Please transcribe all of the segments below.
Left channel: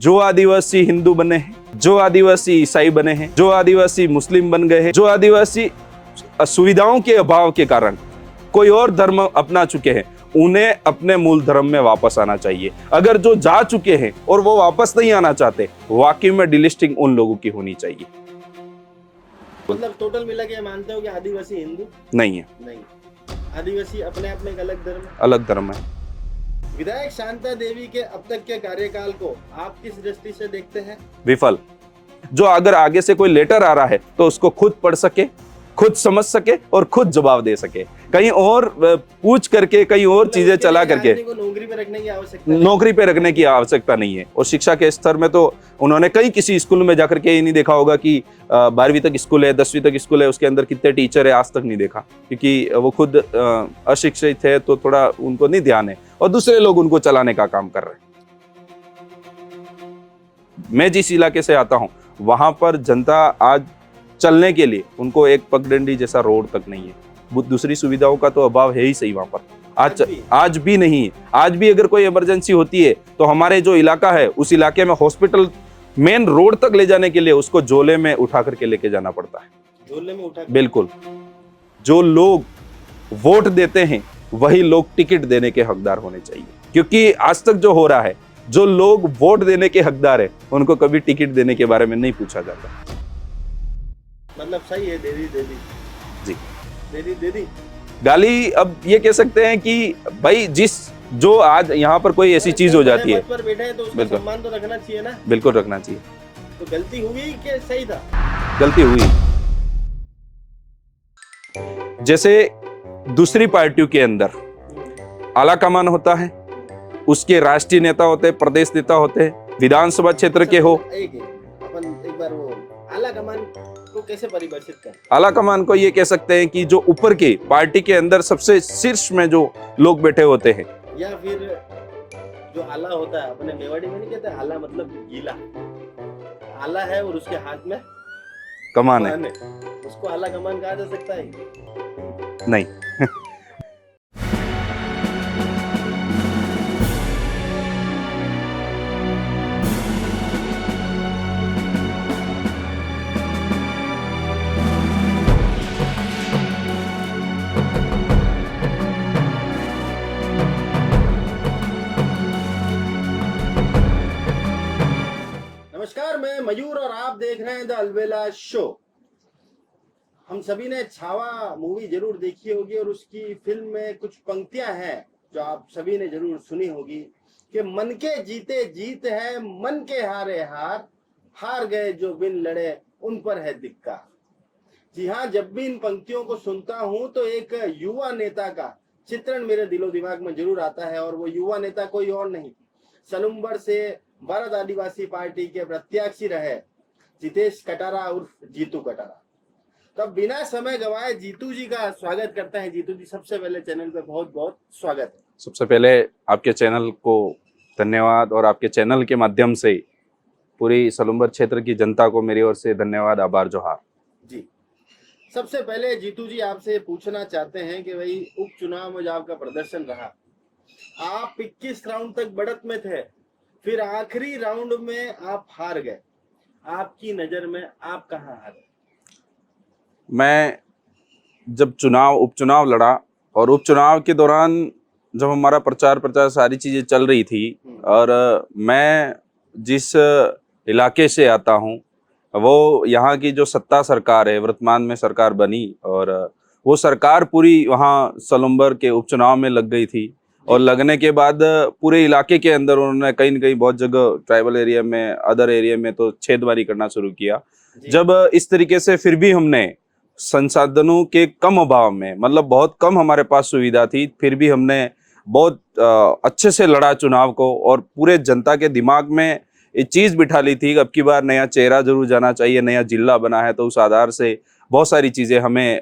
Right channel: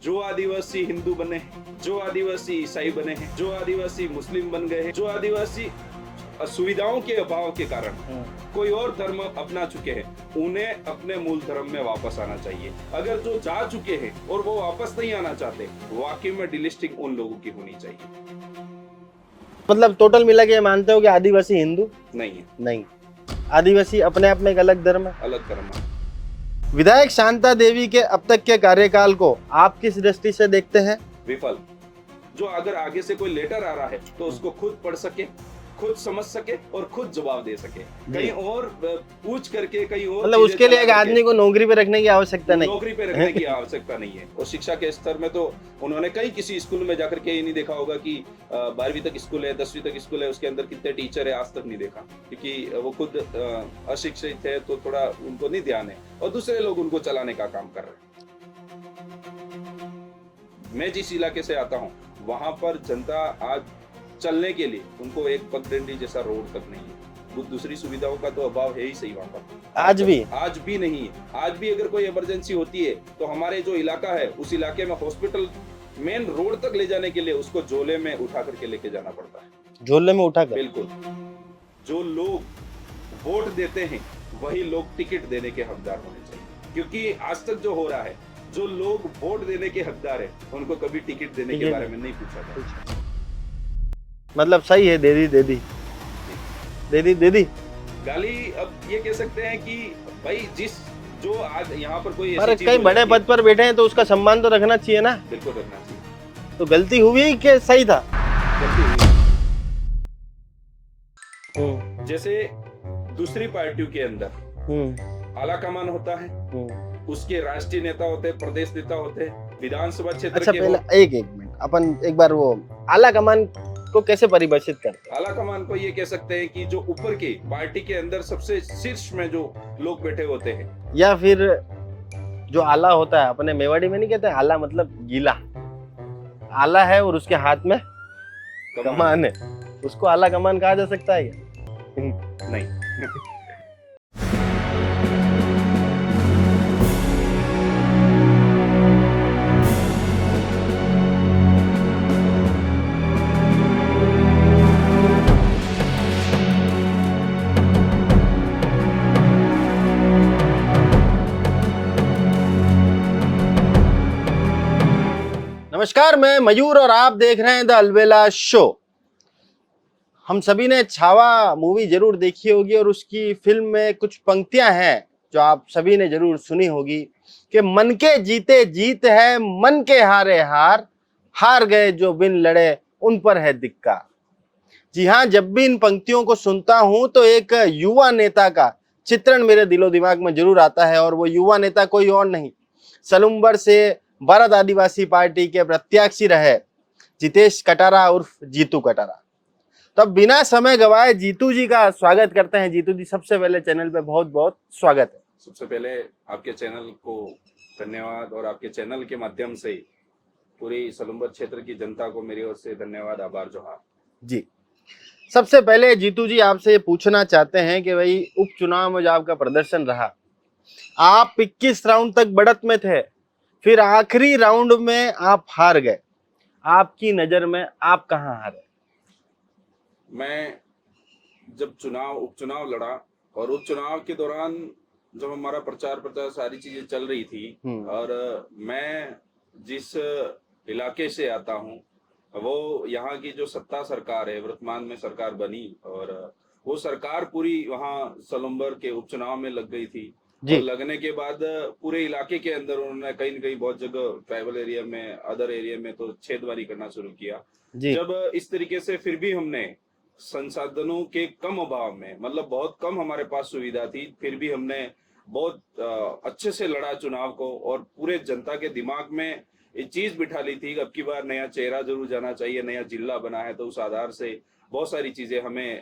जो आदिवासी हिंदू बने हैं, जो आदिवासी ईसाई बने हैं, जो आदिवासी मुस्लिम बन गए हैं, जो आदिवासी सुविधाओं के अभाव के कारण कोई और धर्म अपना चुके हैं, उन्हें अपने मूल धर्म में वापस आना चाहिए। अगर जो जा चुके हैं और वो वापस नहीं आना चाहते, वाकई में डिलिस्टिंग उन लोगों की होनी चाहिए। मतलब टोटल मिला के मानते हो कि आदिवासी हिंदू नहीं है, नहीं, आदिवासी अपने आप में एक अलग धर्म है। अलग धर्म है। विधायक शांता देवी के अब तक के कार्यकाल को आप किस दृष्टि से देखते हैं? विफल। जो अगर आगे से कोई लेटर आ रहा है तो उसको खुद पढ़ सके, खुद समझ सके और खुद जवाब दे सके। कहीं और पूछ करके कहीं और मतलब चीजें उसके चला लिए एक करके आदमी को नौकरी पे रखने की आवश्यकता नहीं। नौकरी पे रखने की आवश्यकता नहीं है। और शिक्षा के स्तर में तो उन्होंने कहीं किसी स्कूल में जाकर के ये नहीं देखा होगा कि 12वीं तक स्कूल है, 10वीं तक स्कूल है, उसके अंदर कितने टीचर है, आज तक नहीं देखा, क्योंकि वो खुद अशिक्षित है तो थोड़ा उनको नहीं ध्यान है और दूसरे लोग उनको चलाने का काम कर रहे हैं। मैं जिस इलाके से आता हूँ वहां पर जनता आज चलने के लिए उनको एक पगडंडी जैसा रोड तक नहीं है। दूसरी सुविधाओं का तो अभाव है ही सही वहां पर। आज भी नहीं है। आज भी अगर कोई इमरजेंसी होती है तो हमारे जो इलाका है उस इलाके में हॉस्पिटल मेन रोड तक ले जाने के लिए उसको झोले में उठा करके लेके जाना पड़ता है। झोले में उठा कर? बिल्कुल। जो लोग वोट देते हैं वही लोग टिकट देने के हकदार होने चाहिए, क्योंकि आज तक जो हो रहा है, जो लोग वोट देने के हकदार है उनको कभी टिकट देने के बारे में नहीं पूछा जाता। मतलब सही है, दे दी जी, दे दी गाली। अब ये कह सकते हैं कि भाई जो आज यहाँ पर कोई ऐसी चीज हो जाती है, पद पर बैठे हैं तो उसका सम्मान तो रखना चाहिए ना। बिल्कुल रखना चाहिए। तो गलती हुई कि सही था? गलती हुई। जैसे दूसरी पार्टियों के अंदर आला कमान होता है, उसके राष्ट्रीय नेता होते हैं, प्रदेश नेता होते हैं, विधानसभा क्षेत्र के हो। एक अपन एक बार वो आला कमान को कैसे परिभाषित करते हैं? आला कमान को ये कह सकते हैं कि जो ऊपर के पार्टी के अंदर सबसे शीर्ष में जो लोग बैठे होते हैं, या फिर जो आला होता है, अपने मेवाड़ी में नहीं कहते आला मतलब गीला, आला है और उसके हाथ में कमान है, उसको आला कमान कहा जा सकता है? नहीं। नमस्कार, मैं मयूर और आप देख रहे हैं द अलबेला शो। हम सभी ने छावा मूवी जरूर देखी होगी और उसकी फिल्म में कुछ पंक्तियां हैं जो आप सभी ने जरूर सुनी होगी कि मन के जीते जीत है, मन के हारे हार, हार गए जो बिन लड़े उन पर है धिक्कार। जी हाँ, जब भी इन पंक्तियों को सुनता हूं तो एक युवा नेता का चित्रण मेरे दिलो दिमाग में जरूर आता है, और वो युवा नेता कोई और नहीं, सलूम्बर से भारत आदिवासी पार्टी के प्रत्याशी रहे जितेश कटारा उर्फ जीतू कटारा। तो बिना समय गवाए जीतू जी का स्वागत करते हैं। जीतू जी, सबसे पहले चैनल पे बहुत बहुत स्वागत है। सबसे पहले आपके चैनल को धन्यवाद, और आपके चैनल के माध्यम से पूरी सलूम्बर क्षेत्र की जनता को मेरी ओर से धन्यवाद, आभार जोहार जी। सबसे पहले जीतू जी आपसे पूछना चाहते हैं कि भाई उपचुनाव में जो आपका प्रदर्शन रहा, आप 21 राउंड तक बढ़त में थे, फिर आखिरी राउंड में आप हार गए। आपकी नजर में आप कहां हारे? मैं जब उपचुनाव लड़ा और उपचुनाव के दौरान जब हमारा प्रचार सारी चीजें चल रही थी, और मैं जिस इलाके से आता हूं वो यहाँ की जो सत्ता सरकार है, वर्तमान में सरकार बनी, और वो सरकार पूरी वहाँ सलूम्बर के उपचुनाव में लग गई थी। और लगने के बाद पूरे इलाके के अंदर उन्होंने कहीं न कहीं बहुत जगह ट्राइबल एरिया में, अदर एरिया में तो छेदवारी करना शुरू किया। जब इस तरीके से फिर भी हमने संसाधनों के कम अभाव में, मतलब बहुत कम हमारे पास सुविधा थी, फिर भी हमने बहुत अच्छे से लड़ा चुनाव को, और पूरे जनता के दिमाग में ये चीज बिठा ली थी कि अब की बार नया चेहरा जरूर जाना चाहिए, नया जिला बना है तो उस आधार से बहुत सारी चीजें हमें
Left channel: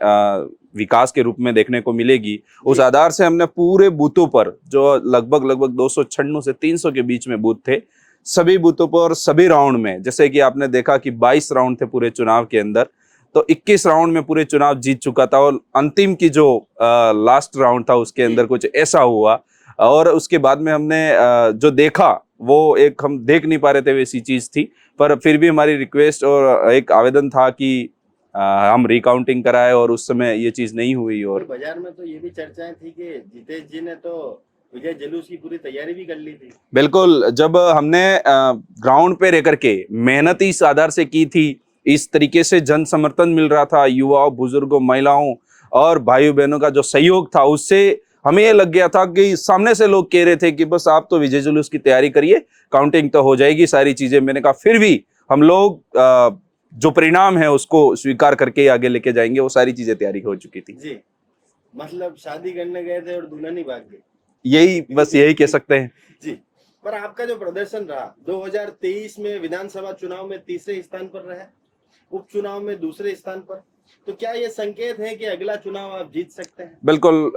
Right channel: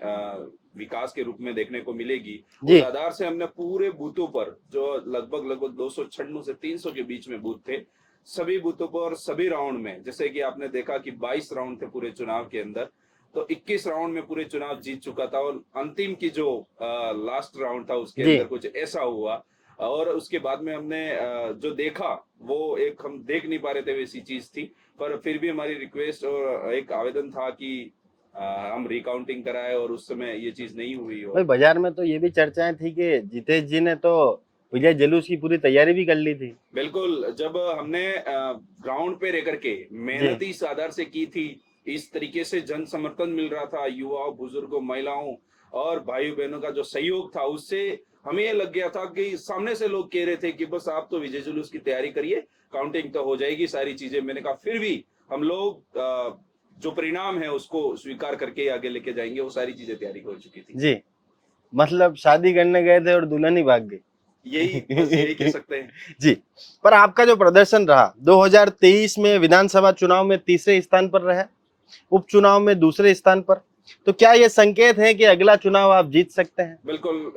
विकास के रूप में देखने को मिलेगी। उस आधार से हमने पूरे बूथों पर, जो लगभग 296 से 300 के बीच में बूथ थे, सभी बूथों पर सभी राउंड में, जैसे कि आपने देखा कि 22 राउंड थे पूरे चुनाव के अंदर, तो 21 राउंड में पूरे चुनाव जीत चुका था। और अंतिम की जो लास्ट राउंड था उसके अंदर कुछ ऐसा हुआ, और उसके बाद में हमने जो देखा वो एक हम देख नहीं पा रहे थे, वैसी चीज थी। पर फिर भी हमारी रिक्वेस्ट और एक आवेदन था कि हम रिकाउंटिंग कराए, और उस समय ये चीज नहीं हुई। भाई और बाजार में तो ये भी चर्चाएं थी कि जितेश जी ने तो विजय जुलूस की पूरी तैयारी भी कर ली थी। बिल्कुल, जब हमने ग्राउंड पे रह करके मेहनत इस आधार से की थी, इस तरीके से जन समर्थन मिल रहा था, युवाओं, बुजुर्गों, महिलाओं और भाइयों बहनों का जो सहयोग था, उससे हमें ये लग गया था कि सामने से लोग कह रहे थे कि बस आप तो विजय जुलूस की तैयारी करिए, काउंटिंग तो हो जाएगी, सारी चीजें। मैंने कहा फिर भी हम लोग जो परिणाम है उसको स्वीकार करके आगे लेके जाएंगे। वो सारी चीजें तैयारी हो चुकी थी जी, मतलब शादी करने गए थे और दुल्हन ही भाग गई। यही, बस यही कह सकते हैं। जी, पर आपका जो प्रदर्शन रहा 2023 में विधानसभा चुनाव में तीसरे स्थान पर रहे, उपचुनाव में दूसरे स्थान पर, तो क्या ये संकेत है कि अगला चुनाव आप जीत सकते हैं? बिल्कुल,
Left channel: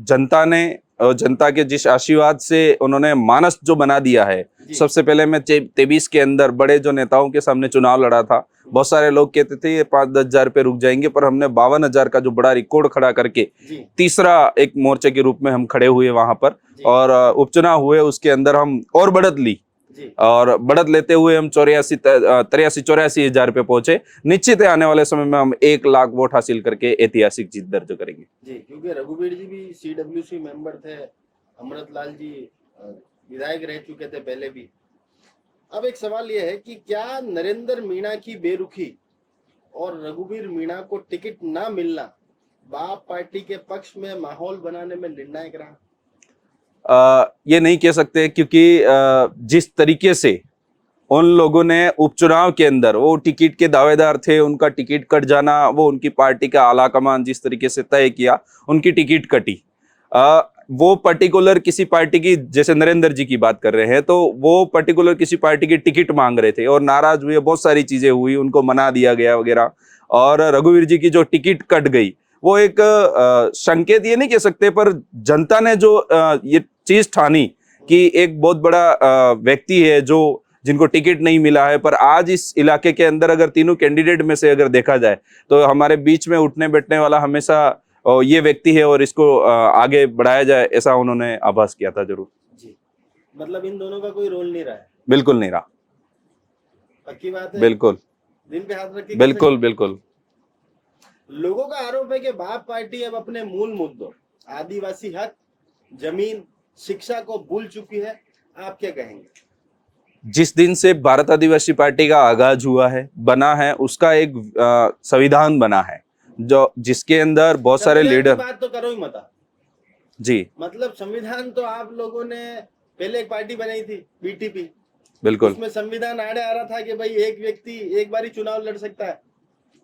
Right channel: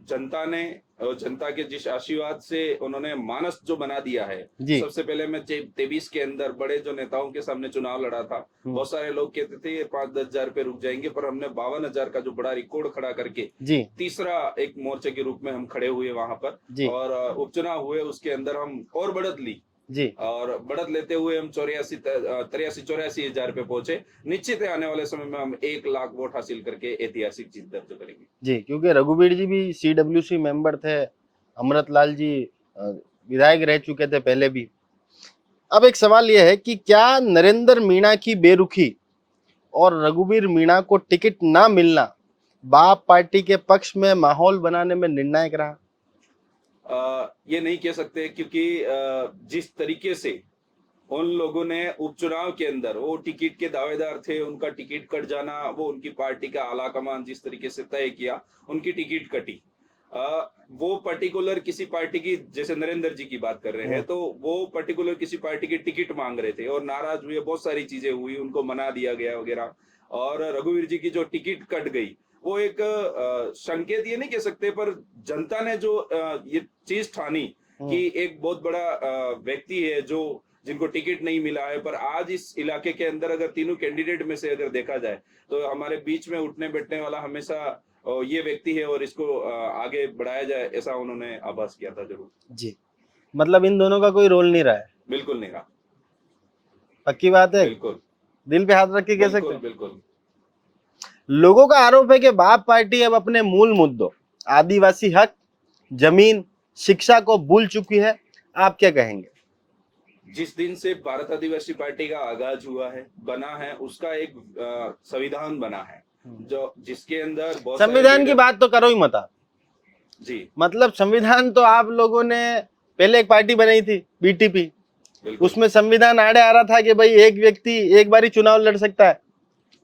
जनता ने और जनता के जिस आशीर्वाद से उन्होंने मानस जो बना दिया है। जी। सबसे पहले मैं 23 के अंदर बड़े जो नेताओं के सामने चुनाव लड़ा था, बहुत सारे लोग कहते थे ये 5-10 हजार पे रुक जाएंगे, पर हमने 52,000 का जो बड़ा रिकॉर्ड खड़ा करके जी तीसरा एक मोर्चे के रूप में हम खड़े हुए वहां पर। जी और उपचुनाव हुए, उसके अंदर हम और बढ़त ली, जी और बढ़त लेते हुए हम 83-84 हजार पे पहुंचे। निश्चित है आने वाले समय में हम 1 लाख वोट हासिल करके ऐतिहासिक जीत दर्ज करेंगे। जी, क्योंकि रघुवीर जी भी CWC मेंबर थे, अमृत लाल जी विधायक रह चुके थे पहले भी। अब एक सवाल यह है कि क्या नरेंद्र मीणा की बेरुखी और रघुवीर मीणा को टिकट ना मिलना बाप पार्टी के पक्ष में माहौल बनाने में निर्णायक रहा? ये नहीं कह सकते, क्योंकि जिस तरीके से उन लोगों ने उपचुनाव के अंदर, वो टिकट के दावेदार थे, उनका टिकट कट जाना, वो उनकी पार्टी का आला कमान जिस तरीके से तय किया, उनकी टिकट कटी। वो पर्टिकुलर किसी पार्टी की, जैसे नरेंद्र जी की बात कर रहे हैं, तो वो पर्टिकुलर किसी पार्टी की टिकट मांग रहे थे और नाराज हुए, बहुत सारी चीजें हुई, उनको मना दिया गया वगैरह। और रघुवीर जी की जो टिकट कट गई, वो एक संकेत ये नहीं कह सकते, पर जनता ने जो ये चीज ठानी कि एक बहुत बड़ा व्यक्ति है जो जिनको टिकट नहीं मिला है। पर आज इस इलाके के अंदर अगर तीनों कैंडिडेट में से अगर देखा जाए, तो हमारे बीच में उठने बैठने वाला हमेशा ये व्यक्ति है, और इसको आगे बढ़ाया जाए, ऐसा उन्होंने आभास किया था जरूर। जी, मतलब इन दोनों का कोई रोल नहीं रहा है? बिल्कुल नहीं रहा। पक्की बात है? बिल्कुल दिल पे हाथ रख के कह सकते बिल्कुल हैं? बिल्कुल। लोगों का आरोप है कि बाप पार्टी अब अपने मूल मुद्दों आदिवासी हक, जमीन, शिक्षा को भूल चुकी है। आप क्या कहेंगे? जिस दिन से भारत आदिवासी पार्टी का आगाज हुआ है, बना है, उसका एक संविधान बना है, जो जिसके अंदर बहुत सारे संविधान की लीडर। बात तो करो ही मत आप। जी मतलब संविधान तो आप लोगों ने पहले एक पार्टी बनाई थी BTP, बिल्कुल। उसमें संविधान आड़े आ रहा था कि भाई एक व्यक्ति एक बार ही चुनाव लड़ सकता है,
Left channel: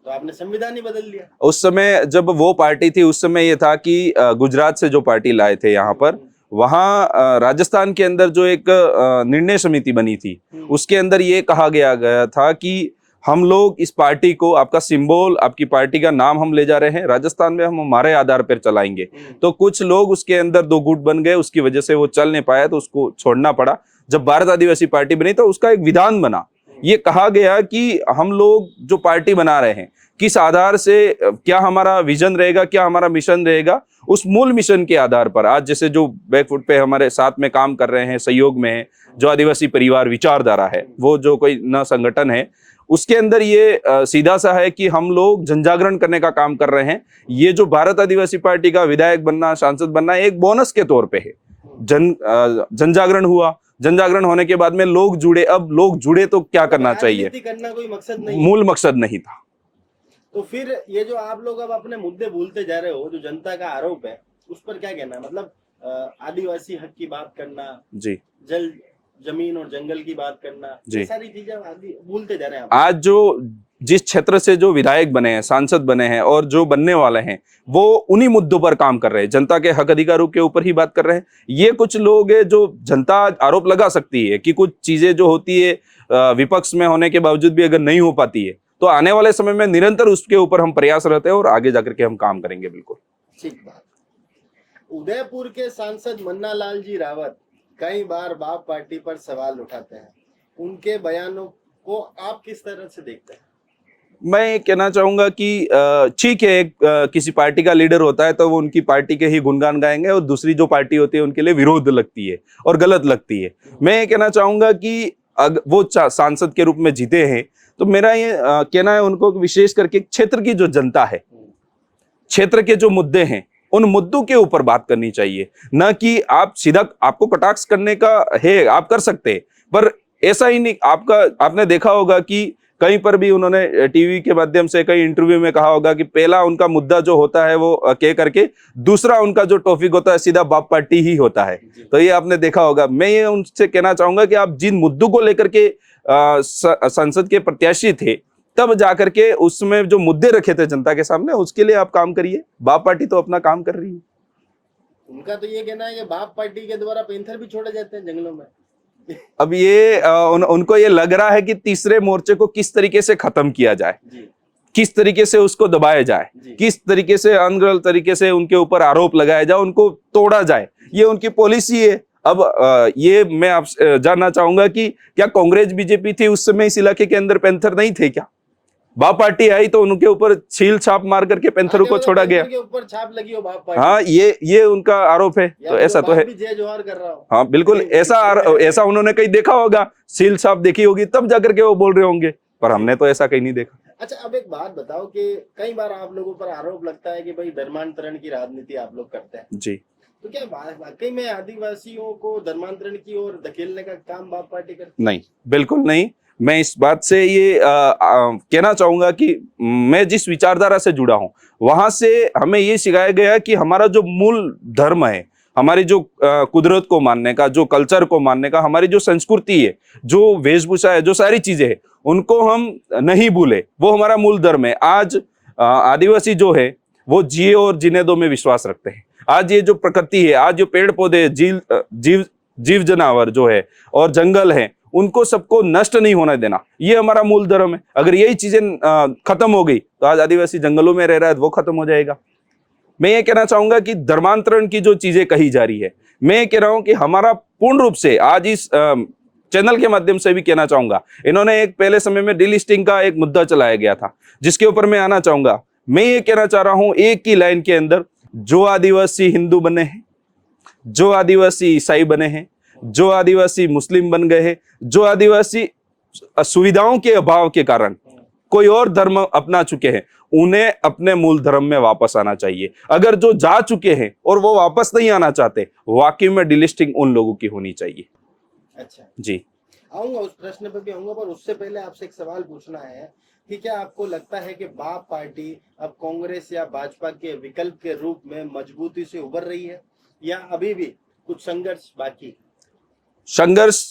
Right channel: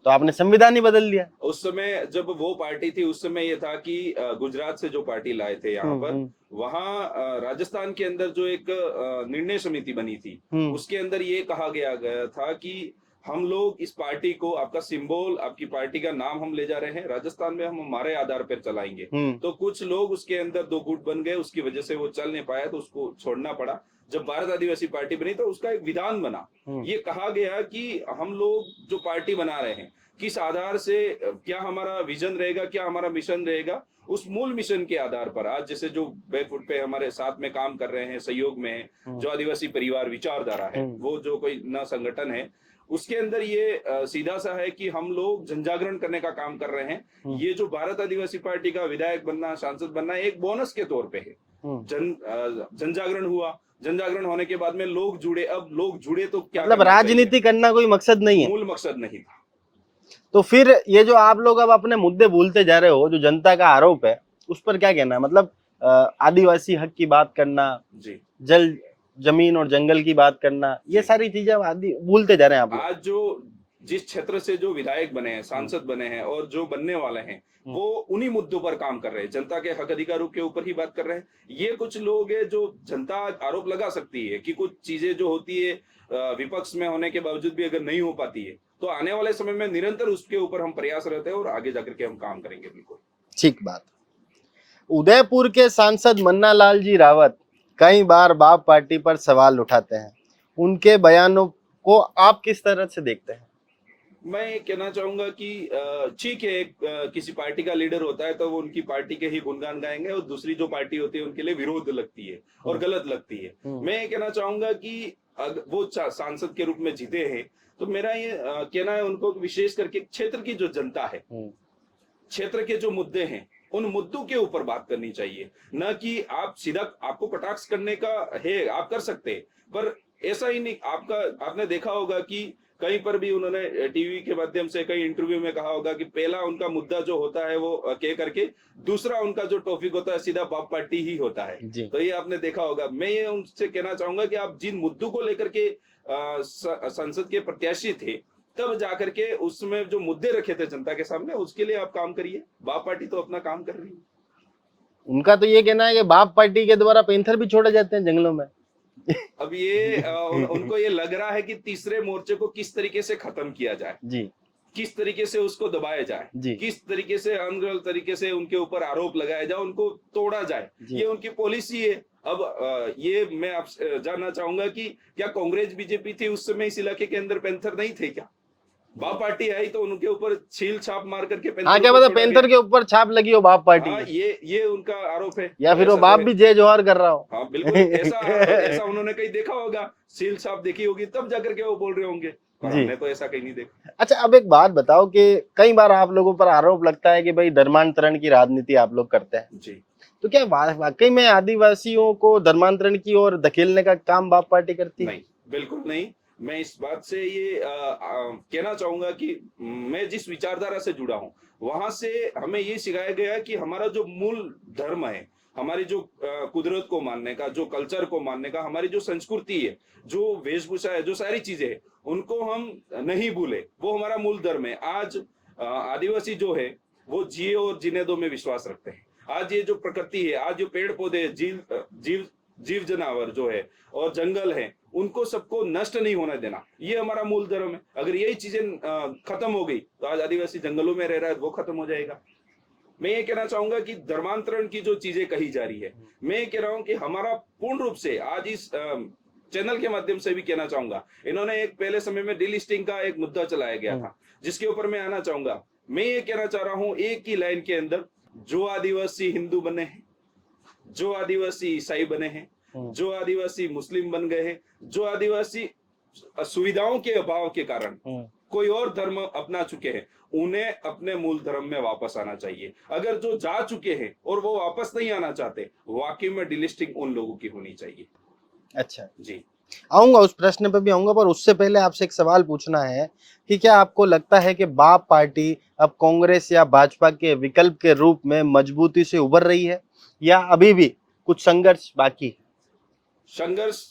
तो आपने संविधान ही बदल दिया। उस समय जब वो पार्टी थी, उस समय ये था कि गुजरात से जो पार्टी लाए थे यहाँ पर, वहां राजस्थान के अंदर जो एक निर्णय समिति बनी थी, उसके अंदर ये कहा गया था कि हम लोग इस पार्टी को, आपका सिंबल, आपकी पार्टी का नाम हम ले जा रहे हैं, राजस्थान में हम हमारे आधार पर चलाएंगे। तो कुछ लोग उसके अंदर दो गुट बन गए, उसकी वजह से वो चल नहीं पाया, तो उसको छोड़ना पड़ा। जब भारत आदिवासी पार्टी बनी तो उसका एक विधान बना, ये कहा गया कि हम लोग जो पार्टी बना रहे हैं, किस आधार से, क्या हमारा विजन रहेगा, क्या हमारा मिशन रहेगा, उस मूल मिशन के आधार पर आज जैसे जो बैकफुट पे हमारे साथ में काम कर रहे हैं, सहयोग में है, जो आदिवासी परिवार विचारधारा है, वो जो कोई न संगठन है, उसके अंदर ये सीधा सा है कि हम लोग जनजागरण करने का काम कर रहे हैं। ये जो भारत आदिवासी पार्टी का विधायक बनना, सांसद बनना एक बोनस के तौर पे है। जनजागरण हुआ, जनजागरण होने के बाद में लोग जुड़े। अब लोग जुड़े तो क्या मतलब करना चाहिए, राजनीति करना कोई मकसद नहीं है, मूल मकसद नहीं था। तो फिर ये जो आप लोग अब अपने मुद्दे भूलते जा रहे हो, जो जनता का आरोप है, उस पर क्या कहना है? मतलब आदिवासी हक की बात करना, जी, जल, जमीन और जंगल की बात करना, ये जी। सारी चीजें आदि भूलते जा रहे हैं आप। आज जो जिस क्षेत्र से जो विधायक बने हैं, सांसद बने हैं और जो बनने वाले हैं, वो उन्हीं मुद्दों पर काम कर रहे हैं, जनता के हक अधिकारों के ऊपर ही बात कर रहे हैं। ये कुछ लोग हैं जो जनता आरोप लगा सकती है कि कुछ चीजें जो होती है विपक्ष में होने के बावजूद भी अगर नहीं हो पाती है, तो आने वाले समय में निरंतर उसके ऊपर हम प्रयासरत हैं और आगे जाकर के हम काम करेंगे। बिल्कुल ठीक बात। उदयपुर के सांसद मन्ना लाल जी रावत कई बार बाप पार्टी पर सवाल उठाते हैं, उनके बयानों को आप किस तरह से देखते हैं? मैं ये कहना चाहूंगा कि ठीक है, किसी पार्टी का लीडर होता है तो वो उनकी पार्टी के ही गुणगान गाएंगे और दूसरी जो पार्टी होती है उनके लिए विरोध लगती है और गलत लगती है। मैं ये कहना चाहूंगा कि वो सांसद के रूप में जीते हैं तो मेरा ये कहना है उनको, विशेष करके क्षेत्र की जो जनता है, क्षेत्र के जो मुद्दे हैं उन मुद्दों के ऊपर बात करनी चाहिए, न कि आप सीधा, आपको कटाक्ष करने का है आप कर सकते हैं, पर ऐसा ही नहीं। आपने देखा होगा कि कहीं पर भी उन्होंने टीवी के माध्यम से कई इंटरव्यू में कहा होगा कि पहला उनका मुद्दा जो होता है वो कह करके दूसरा उनका जो टॉपिक होता है सीधा बाप पार्टी ही होता है। तो ये आपने देखा होगा। मैं ये उनसे कहना चाहूंगा कि आप जिन मुद्दों को लेकर के संसद के प्रत्याशी थे, तब जाकर के उसमें जो मुद्दे रखे थे जनता के सामने, उसके लिए आप काम करिए। बाप पार्टी तो अपना काम कर रही है। उनका तो ये कहना है कि बाप पार्टी के द्वारा पैंथर भी छोड़े जाते हैं जंगलों में। अब ये उनको ये लग रहा है कि तीसरे मोर्चे को किस तरीके से खत्म किया जाए जी, किस तरीके से उसको दबाया जाए, किस तरीके से अनगढ़ तरीके से उनके ऊपर आरोप लगाया जाए, उनको तोड़ा जाए, ये उनकी पॉलिसी है। अब ये मैं आपसे जानना चाहूंगा कि क्या कांग्रेस बीजेपी थी उस समय इस इलाके के अंदर पैंथर नहीं थे क्या? बाप पार्टी आई तो उनके ऊपर छील छाप मार करके पैंथर को छोड़ा गया, के ऊपर छाप लगी हो बाप पार्टी। हाँ, ये उनका आरोप है। तो ऐसा बाप तो है। भी जय जोहार कर रहा हो। हाँ बिल्कुल, ऐसा उन्होंने कहीं देखा होगा, सील छाप देखी होगी, तब जाकर के वो बोल रहे होंगे, पर हमने तो ऐसा कहीं नहीं देखा। अच्छा, अब एक बात बताओ कि कई बार आप लोगों पर आरोप लगता है कि भाई धर्मांतरण की राजनीति आप लोग करते हैं जी, तो क्या वाकई में आदिवासियों को धर्मांतरण की ओर धकेलने का काम बाप पार्टी करती है? नहीं, बिल्कुल नहीं। मैं इस बात से ये कहना चाहूंगा कि मैं जिस विचारधारा से जुड़ा हूं वहां से हमें ये सिखाया गया कि हमारा जो मूल धर्म है, हमारी जो कुदरत को मानने का, जो कल्चर को मानने का, हमारी जो संस्कृति है, जो वेशभूषा है, जो सारी चीजें हैं, उनको हम नहीं भूले। वो हमारा मूल धर्म है। आज आदिवासी जो है वो जिए और जीने दो में विश्वास रखते हैं। आज ये जो प्रकृति है, आज जो पेड़ पौधे, जीव जानवर जो है और जंगल है, उनको सबको नष्ट नहीं होने देना, ये हमारा मूल धर्म है। अगर यही चीजें खत्म हो गई तो आज आदिवासी जंगलों में रह रहा है, वो खत्म हो जाएगा। मैं ये कहना चाहूंगा कि धर्मांतरण की जो चीजें कही जा रही है, मैं ये कह रहा हूं कि हमारा पूर्ण रूप से आज इस चैनल के माध्यम से भी कहना चाहूंगा, इन्होंने एक पहले समय में डीलिस्टिंग का एक मुद्दा चलाया गया था, जिसके ऊपर मैं आना चाहूंगा। मैं ये कहना चाह रहा हूं एक ही लाइन के अंदर, जो आदिवासी हिंदू बने हैं, जो आदिवासी ईसाई बने हैं, जो आदिवासी मुस्लिम बन गए हैं, जो आदिवासी सुविधाओं के अभाव के कारण कोई और धर्म अपना चुके हैं, उन्हें अपने मूल धर्म में वापस आना चाहिए। अगर जो जा चुके हैं और वो वापस नहीं आना चाहते, वाकई में डिलिस्टिंग उन लोगों की होनी चाहिए। अच्छा जी, आऊंगा, उस प्रश्न पे भी आऊंगा, पर उससे पहले आपसे एक सवाल पूछना है कि क्या आपको लगता है कि बाप पार्टी अब कांग्रेस या भाजपा के विकल्प के रूप में मजबूती से उभर रही है, या अभी भी कुछ संघर्ष बाकी? संघर्ष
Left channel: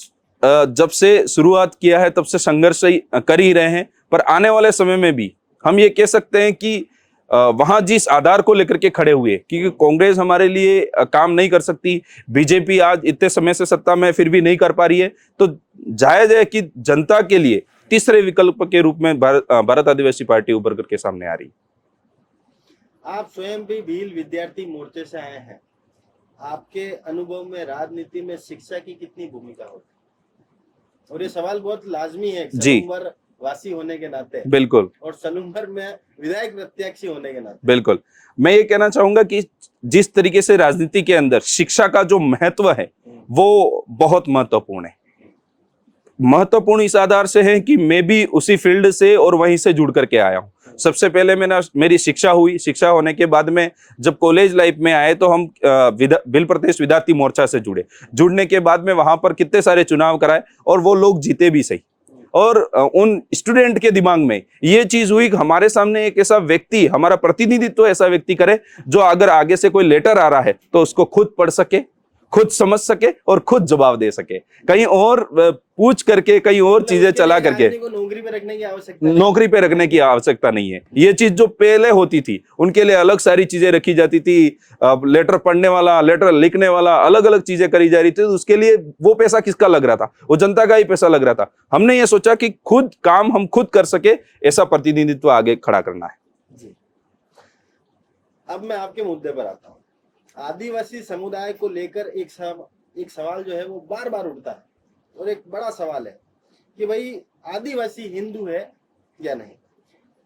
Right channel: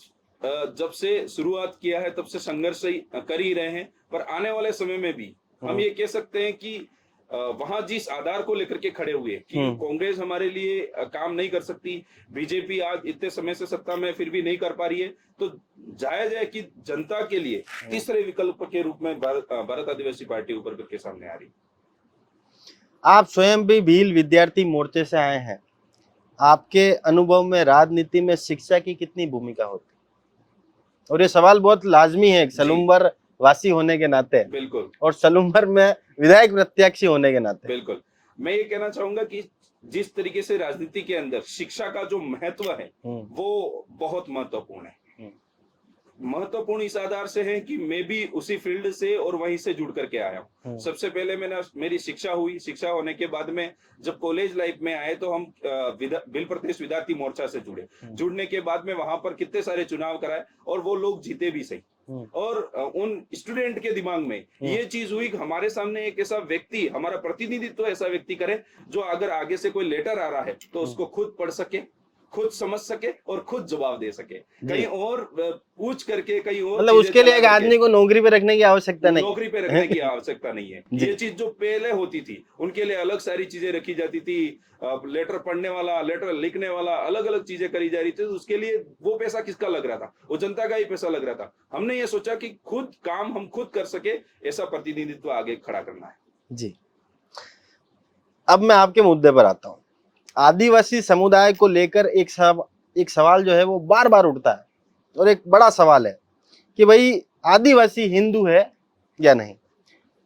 जब से शुरुआत किया है तब से संघर्ष कर ही रहे हैं, पर आने वाले समय में भी हम ये कह सकते हैं कि वहां जिस आधार को लेकर के खड़े हुए, क्योंकि कांग्रेस हमारे लिए काम नहीं कर सकती, बीजेपी आज इतने समय से सत्ता में फिर भी नहीं कर पा रही है, तो जायज है कि जनता के लिए तीसरे विकल्प के रूप में भारत आदिवासी पार्टी उभर करके सामने आ रही। आप स्वयं भी भील विद्यार्थी मोर्चे से आए हैं, आपके अनुभव में राजनीति में शिक्षा की कितनी भूमिका होती है? और ये सवाल बहुत लाजमी है सलूम्बर वासी होने के नाते। बिल्कुल, और सलूम्बर में विधायक प्रत्याशी होने के नाते। बिल्कुल, मैं ये कहना चाहूंगा कि जिस तरीके से राजनीति के अंदर शिक्षा का जो महत्व है वो बहुत महत्वपूर्ण है। महत्वपूर्ण इस आधार से है कि मैं भी उसी फील्ड से और वहीं से जुड़ करके आया हूँ। सबसे पहले मेरी शिक्षा हुई, शिक्षा होने के बाद में जब कॉलेज लाइफ में आए तो हम भील प्रदेश विद्यार्थी मोर्चा से जुड़ने के बाद में वहां पर कितने सारे चुनाव कराए और वो लोग जीते भी सही। और उन स्टूडेंट के दिमाग में ये चीज हुई कि हमारे सामने एक ऐसा व्यक्ति, हमारा प्रतिनिधित्व ऐसा व्यक्ति करे जो अगर आगे से कोई लेटर आ रहा है तो उसको खुद पढ़ सके, खुद समझ सके और खुद जवाब दे सके, कहीं और पूछ करके कहीं और चीजें चला करके। आदमी को नौकरी पे रखने की आवश्यकता नहीं, नौकरी पे रखने की आवश्यकता नहीं है। ये चीज जो पहले होती थी उनके लिए अलग सारी चीजें रखी जाती थी, लेटर पढ़ने वाला, लेटर लिखने वाला, अलग अलग चीजें करी जा रही थी। तो उसके लिए वो पैसा किसका लग रहा था? वो जनता का ही पैसा लग रहा था। हमने ये सोचा कि खुद काम हम खुद कर सके, ऐसा प्रतिनिधित्व आगे खड़ा करना है। जी, अब मैं आपके मुद्दे पर आता हूँ। आदिवासी समुदाय को लेकर एक सवाल जो है वो बार बार उठता है, और एक बड़ा सवाल है कि भाई आदिवासी हिंदू है या नहीं।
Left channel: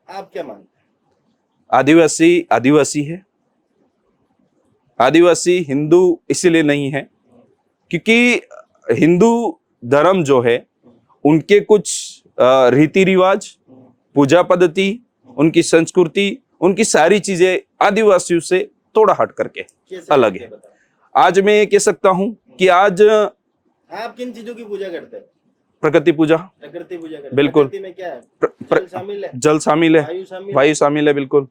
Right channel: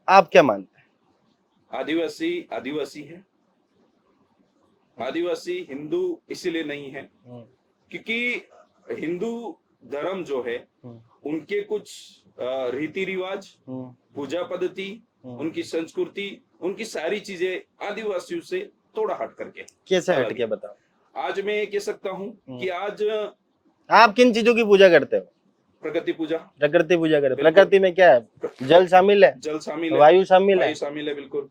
आप क्या मानते हैं? आदिवासी आदिवासी है। आदिवासी हिंदू इसीलिए नहीं है क्योंकि हिंदू धर्म जो है उनके कुछ रीति रिवाज, पूजा पद्धति, उनकी संस्कृति, उनकी सारी चीजें आदिवासियों से थोड़ा हट करके कैसे अलग हटके है। बताओ? आज मैं ये कह सकता हूँ कि आज आप किन चीजों की पूजा करते हो? प्रकृति पूजा, प्रकृति पूजा करते हो। बिल्कुल। प्रकृति में क्या है? जल शामिल है, जल शामिल है, वायु शामिल है, वायु शामिल है, बिल्कुल,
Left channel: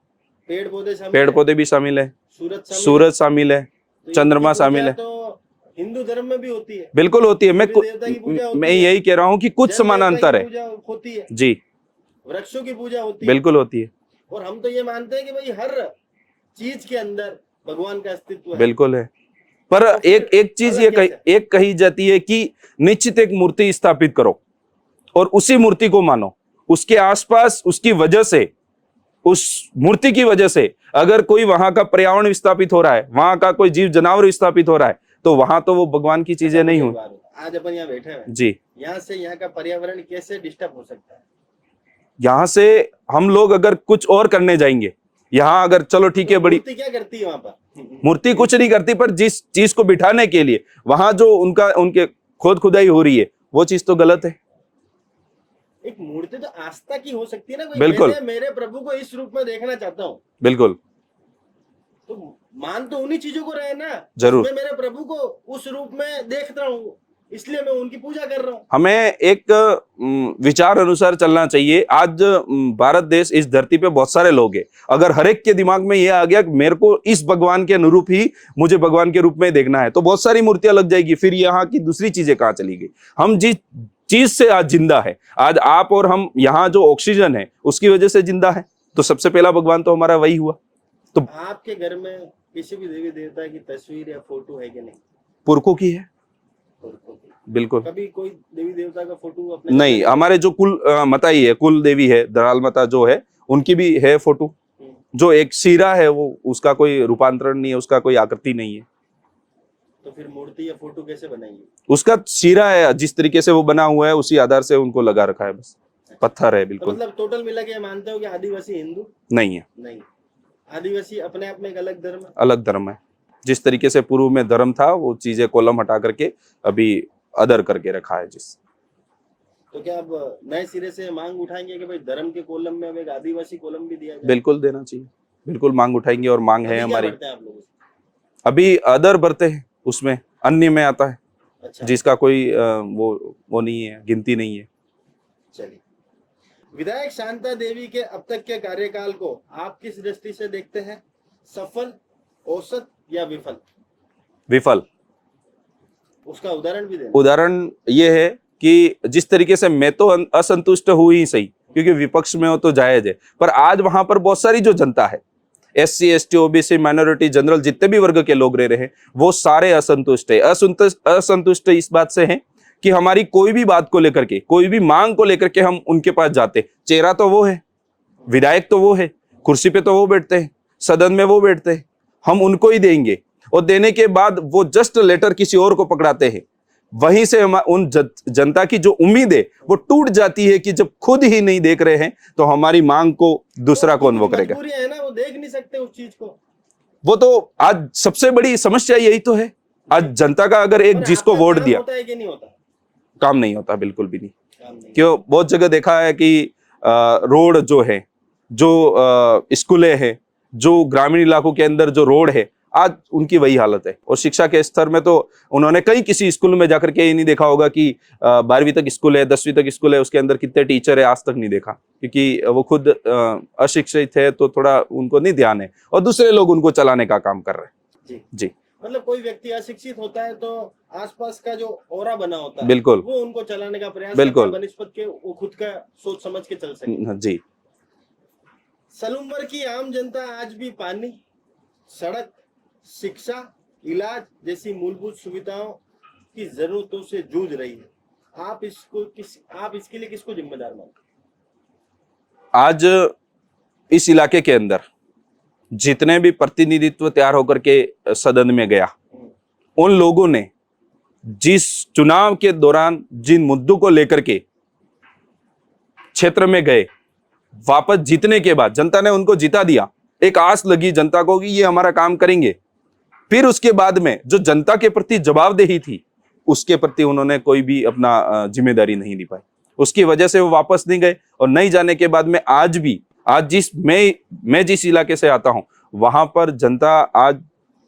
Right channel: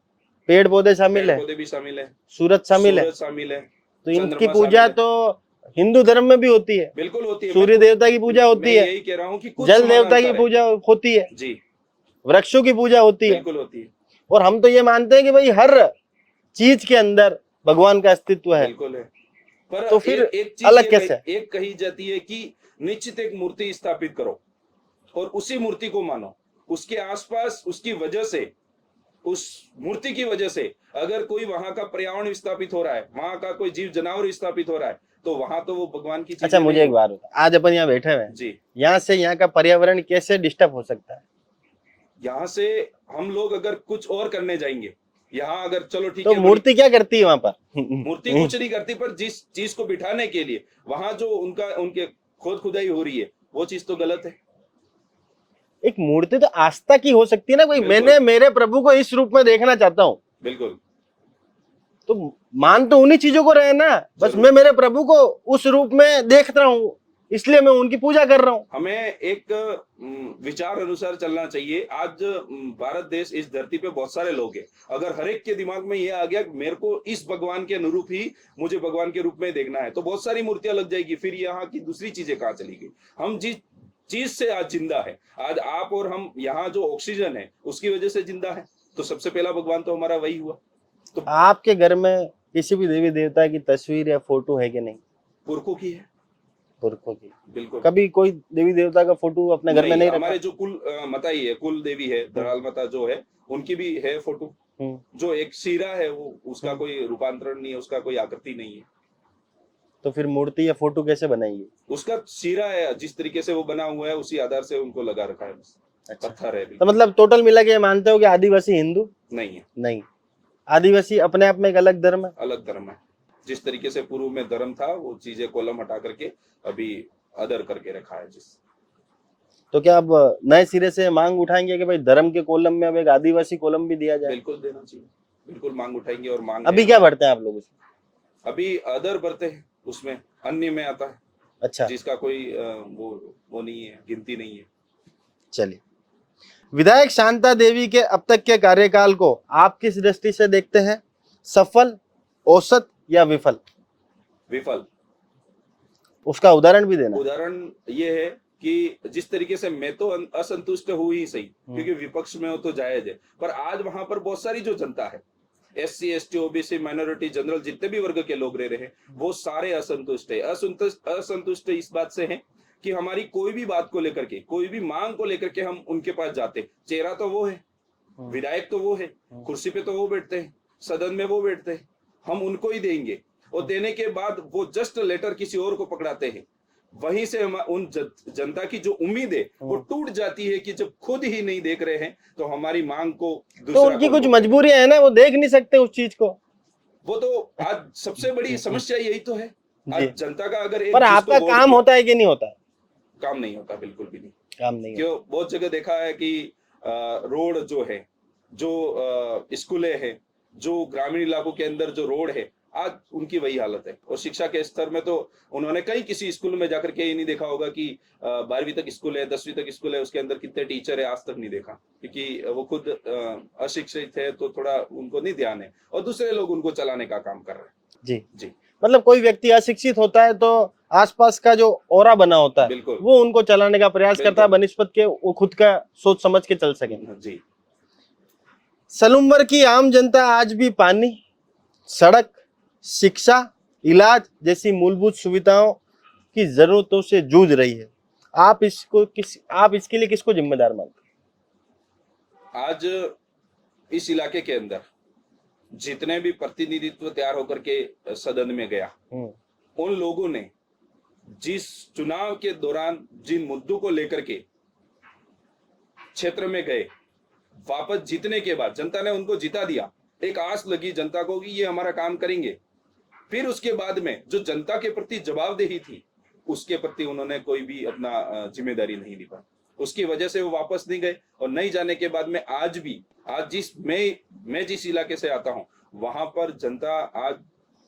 पेड़ पौधे शामिल पेड़ है, पौधे भी शामिल है, सूरज शामिल है। सूरज शामिल है, तो इनकी चंद्रमा शामिल पूजा है, तो हिंदू धर्म में भी होती है। बिल्कुल होती है। सूर्य देवता की पूजा होती मैं है, यही कह रहा हूँ कि कुछ जल देवता समानांतर की है पूजा होती है, जी, वृक्षों की पूजा होती है, बिल्कुल होती है, और हम तो ये मानते हैं कि भाई हर चीज के अंदर भगवान का अस्तित्व है। बिल्कुल है। पर तो फिर एक चीज अलग ये कैसे? एक कही जाती है कि निश्चित एक मूर्ति स्थापित करो और उसी मूर्ति को मानो, उसके आसपास उसकी वजह से, उस मूर्ति की वजह से अगर कोई वहां का पर्यावरण विस्थापित हो रहा है, वहां का कोई जीव जानवर विस्थापित हो रहा है, तो वहां तो वो भगवान की चीजें मुझे नहीं एक हो। बात बता, आज अपन यहाँ बैठे हुए हैं, जी, यहाँ से यहाँ का पर्यावरण कैसे डिस्टर्ब हो सकता है? यहाँ से हम लोग अगर कुछ और करने जाएंगे, यहाँ अगर चलो ठीक तो है, बड़ी मूर्ति क्या करती है वहां पर? मूर्ति कुछ नहीं करती, पर जिस चीज को बिठाने के लिए वहां जो उनके खोद खुदाई हो रही है, वो चीज तो गलत है। एक मूर्ति तो आस्था की हो सकती है ना, कोई बिल्कुल। मैंने मेरे प्रभु को इस रूप में देखना चाहता हूँ, बिल्कुल, तो मान तो उन्हीं चीजों को रहे ना। बस जरूर। मैं मेरे प्रभु को उस रूप में देख रहा हूँ, इसलिए मैं उनकी पूजा कर रहा हूँ। हमें एक विचार अनुसार चलना चाहिए। आज भारत देश, इस धरती पे बहुत सारे लोग हैं। अगर हर एक के दिमाग में ये आ गया कि मेरे को इस भगवान के अनुरूप ही मुझे भगवान के रूप में देखना है, तो बहुत सारी मूर्तियां लग जाएगी, फिर यहाँ की दूसरी चीजें कहाँ चली गई? हम जिस चीज से आज जिंदा है, आज आप और हम, यहाँ जो ऑक्सीजन है उसकी वजह से जिंदा है, तो सबसे पहला भगवान तो हमारा वही हुआ। तो आपके घर में किसी भी देवी देवता की तस्वीर या फोटो है कि नहीं? पुरखों की है, पुरखों की। बिल्कुल। कभी कोई देवी देवता का फोटो अपने घर में नहीं, नहीं हमारे जो कुल माता ही है, कुल देवी है, दराल माता जो है, उनकी भी है फोटो। रखा? जो एक सिरा है, वो उसका कोई रूपांतरण नहीं है, उसका कोई आकृति नहीं है। तो फिर मूर्ति या फोटो कैसे बनाएंगे? उसका सिरा है, जिस तरीके से वो बना हुआ है उसी आधार से उनको लगा रखा है, बस। अच्छा। पत्थर है, तो बिल्कुल। मतलब टोटल मिला के मानते हो कि आदिवासी हिंदू नहीं है, नहीं? आदिवासी अपने आप में एक अलग धर्म है। अलग धर्म है। जिस तरीके से पूर्व में धर्म था, वो चीजें कॉलम हटा करके अभी अदर करके रखा है। जिस तो क्या अब नए सिरे से मांग उठाएंगे कि भाई धर्म के कॉलम में अब एक आदिवासी कॉलम भी दिया जाए? बिल्कुल देना चाहिए, बिल्कुल मांग उठाएंगे, और मांग है अभी क्या हमारी। बढ़ते हैं आप लोग उसमें? अभी अदर बढ़ते हैं, उसमें अन्य में आता है, अच्छा, जिसका कोई वो नहीं है, गिनती नहीं है। चलिए। विधायक शांता देवी के अब तक के कार्यकाल को आप किस दृष्टि से देखते हैं? सफल, औसत या विफल? विफल। उसका उदाहरण भी देना। उदाहरण ये है कि जिस तरीके से मैं तो असंतुष्ट हुई ही सही, क्योंकि विपक्ष में हो तो जायज है, पर आज वहां पर बहुत सारी जो जनता है, SC ST OBC minority general, जितने भी वर्ग के लोग रह रहे हैं, वो सारे असंतुष्ट है। असंतुष्ट इस बात से हैं कि हमारी कोई भी बात को लेकर के, कोई भी मांग को लेकर के हम उनके पास जाते, चेहरा तो वो है, विधायक तो वो है, कुर्सी पे तो वो बैठते हैं, सदन में वो बैठते हैं, हम उनको ही देंगे, और देने के बाद वो जस्ट लेटर किसी और को पकड़ाते हैं। वहीं से उन जनता की जो उम्मीद है वो टूट जाती है कि जब खुद ही नहीं देख रहे हैं, तो हमारी मांग को दूसरा तो कौन कुछ पकड़ेगा? मजबूरियां है ना, वो देख नहीं सकते उस चीज को। वो तो आज सबसे बड़ी समस्या यही तो है। आज जनता का अगर एक पर जिसको आपका वोट काम दिया, होता है कि नहीं होता है? काम नहीं होता, बिल्कुल भी नहीं। काम नहीं क्यों? बहुत जगह देखा है कि रोड जो है, जो स्कूलें हैं, जो ग्रामीण इलाकों के अंदर जो रोड है, आज उनकी वही हालत है। और शिक्षा के स्तर में तो उन्होंने कई किसी स्कूल में जाकर के ये नहीं देखा होगा कि 12वीं तक स्कूल है, 10वीं तक स्कूल है, उसके अंदर कितने टीचर है, आज तक नहीं देखा, क्योंकि वो खुद अशिक्षित है, तो थोड़ा उनको नहीं ध्यान है, और दूसरे लोग उनको चलाने का काम कर रहे हैं। जी जी, मतलब कोई व्यक्ति अशिक्षित होता है तो आसपास का जो ऑरा बना होता है, बिल्कुल, वो उनको चलाने का प्रयास करता है, बिल्कुल। बनिस्पत के वो खुद का सोच समझ के चल सके। जी, सलूमवर की आम जनता आज भी पानी, सड़क, शिक्षा, इलाज जैसी मूलभूत सुविधाओं की जरूरतों से जूझ रही है। आप इसके लिए किसको जिम्मेदार मानते आज इस इलाके के अंदर जितने भी प्रतिनिधित्व तैयार होकर के सदन में गया, हैं? उन लोगों ने जिस चुनाव के दौरान जिन मुद्दों को लेकर के क्षेत्र में गए, वापस जीतने के बाद जनता ने उनको जिता दिया, एक आस लगी जनता को कि ये हमारा काम करेंगे। फिर उसके बाद में जो जनता के प्रति जवाबदेही थी, उसके प्रति उन्होंने कोई भी अपना जिम्मेदारी नहीं निभाई। उसकी वजह से वो वापस नहीं गए। और नहीं जाने के बाद में आज मैं जिस इलाके से आता हूं, वहां पर जनता आज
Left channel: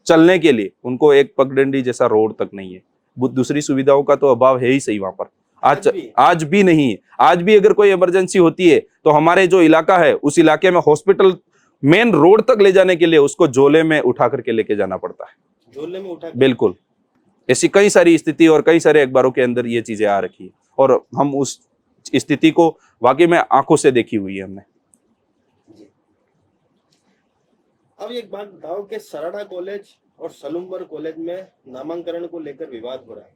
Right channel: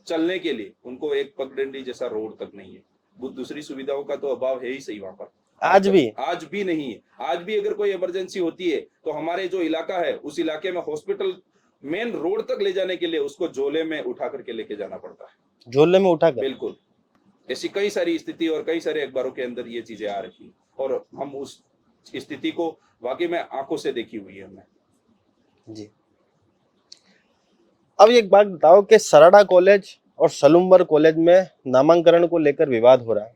चलने के लिए उनको एक पगडंडी जैसा रोड तक नहीं है। दूसरी सुविधाओं का तो अभाव है ही सही वहां पर। आज भी नहीं है। आज भी अगर कोई इमरजेंसी होती है तो हमारे जो इलाका है उस इलाके में हॉस्पिटल मेन रोड तक ले जाने के लिए उसको झोले में उठा करके लेके जाना पड़ता है। झोले में उठा कर? बिल्कुल। ऐसी कई सारी स्थिति और कई सारे अखबारों के अंदर ये चीजें आ रखी है और हम उस स्थिति को वाकई में आंखों से देखी हुई है हमने जी। अब एक बात बताओ कि सराड़ा कॉलेज और सलूम्बर कॉलेज में नामांकन को लेकर विवाद हो रहा है,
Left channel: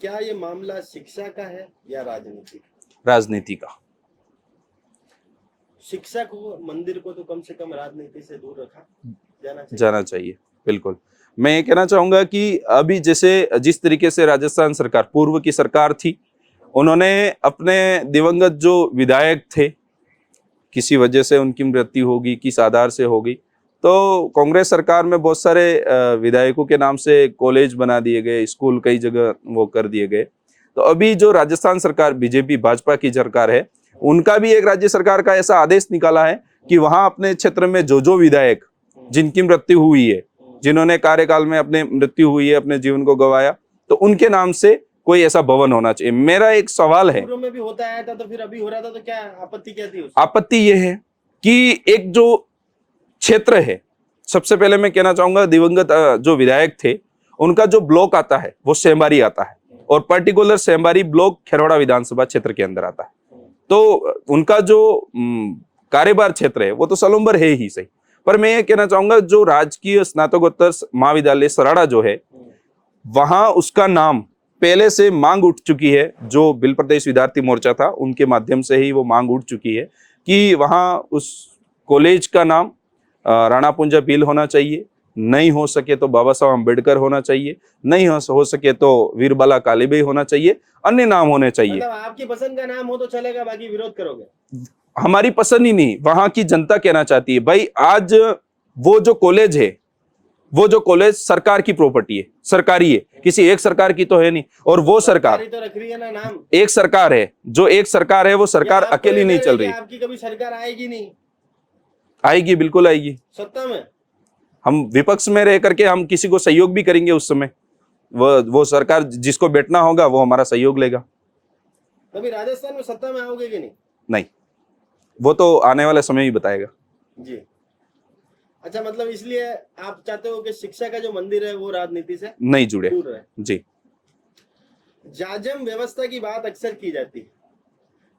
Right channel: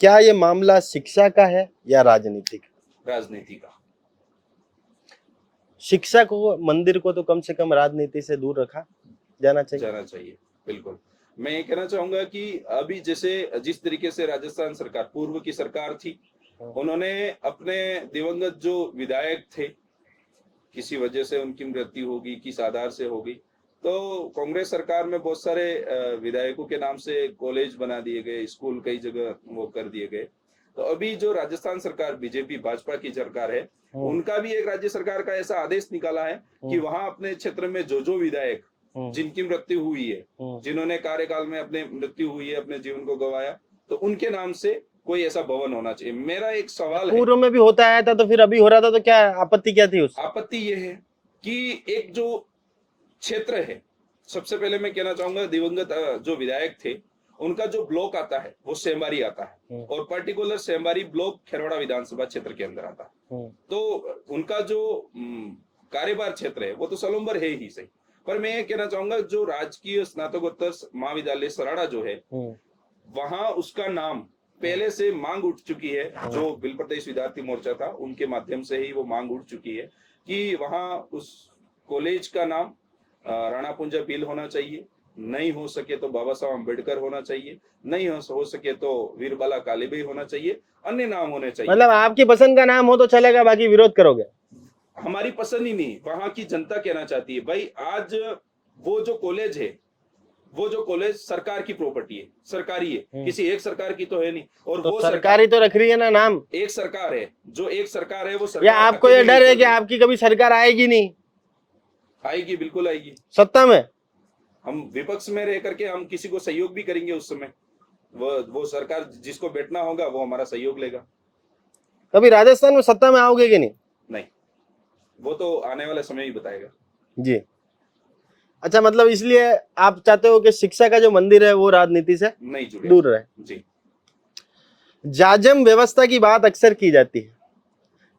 क्या ये मामला शिक्षा का है या राजनीति का? राजनीति का। शिक्षा को, मंदिर को तो कम से कम राजनीति से दूर रखा जाना चाहिए। बिल्कुल। मैं ये कहना चाहूंगा कि अभी जैसे जिस तरीके से राजस्थान सरकार, पूर्व की सरकार थी, उन्होंने अपने दिवंगत जो विधायक थे, किसी वजह से उनकी मृत्यु होगी, किस आधार से होगी, तो कांग्रेस सरकार में बहुत सारे विधायकों के नाम से कॉलेज बना दिए गए, स्कूल कई जगह वो कर दिए गए। तो अभी जो राजस्थान सरकार बीजेपी भाजपा की सरकार है, उनका भी एक राज्य सरकार का ऐसा आदेश निकाला है कि वहां अपने क्षेत्र में जो विधायक जिनकी मृत्यु हुई है, जिन्होंने कार्यकाल में अपने मृत्यु हुई है, अपने जीवन को गंवाया, तो उनके नाम से कोई ऐसा भवन होना चाहिए। मेरा एक सवाल है, पूर्व में भी होता आया था तो फिर अभी हो रहा था, तो क्या आपत्ति क्या थी उसमें? आपत्ति ये है कि एक जो क्षेत्र है, सबसे पहले मैं कहना चाहूंगा दिवंगत जो विधायक थे उनका जो ब्लॉक आता है वो सेमबारी आता है और पर्टिकुलर सेमबारी ब्लॉक खेरौड़ा विधानसभा क्षेत्र के अंदर आता है। तो उनका जो कार्यभार क्षेत्र है वो तो सलूम्बर है ही सही, पर मैं ये कहना चाहूंगा जो राजकीय स्नातकोत्तर महाविद्यालय सराड़ा जो है, वहां उसका नाम पहले से मांग उठ चुकी है। जो बिल प्रदेश विद्यार्थी मोर्चा था उनके माध्यम से ही वो मांग उठ चुकी है कि वहां उस कॉलेज का नाम राणा पुंजा बिल होना चाहिए, नहीं हो सके तो बाबा साहब अम्बेडकर होना चाहिए, नहीं हो सके तो वीरबाला कालीबाई होना चाहिए, अन्य नाम होने चाहिए। मतलब आपकी पसंद का नाम हो तो चलेगा, बाकी विरोध करोगे? हमारी पसंद ही नहीं, वहां की जनता कहना चाहती है। भाई आज वो जो कॉलेज सरकार की प्रॉपर्टी है, सरकारी है, किसी एक सरकार की तो है नहीं। और तो वो सरकार तो रख रही है ना नाम, एक सरकार है, जो एक सरकार है वो सरकार अकेली नहीं चल रही। आपकी कभी सरकार आएगी नहीं? आएगी, बिल्कुल आएगी। सत्ता में हम विपक्ष में रह करके हम किसी को सहयोग भी करेंगे उस समय। वो सरकार जिसको बैठना होगा वो हमारा सहयोग लेगा। कभी राजस्थान में सत्ता में आओगे कि नहीं? नहीं, वो तो आने वाला समय ही बताएगा जी। अच्छा, मतलब इसलिए आप चाहते हो कि शिक्षा का जो मंदिर है वो राजनीति से नहीं जुड़े, दूर रहे। जी। जाजम व्यवस्था की बात अक्सर की जाती है,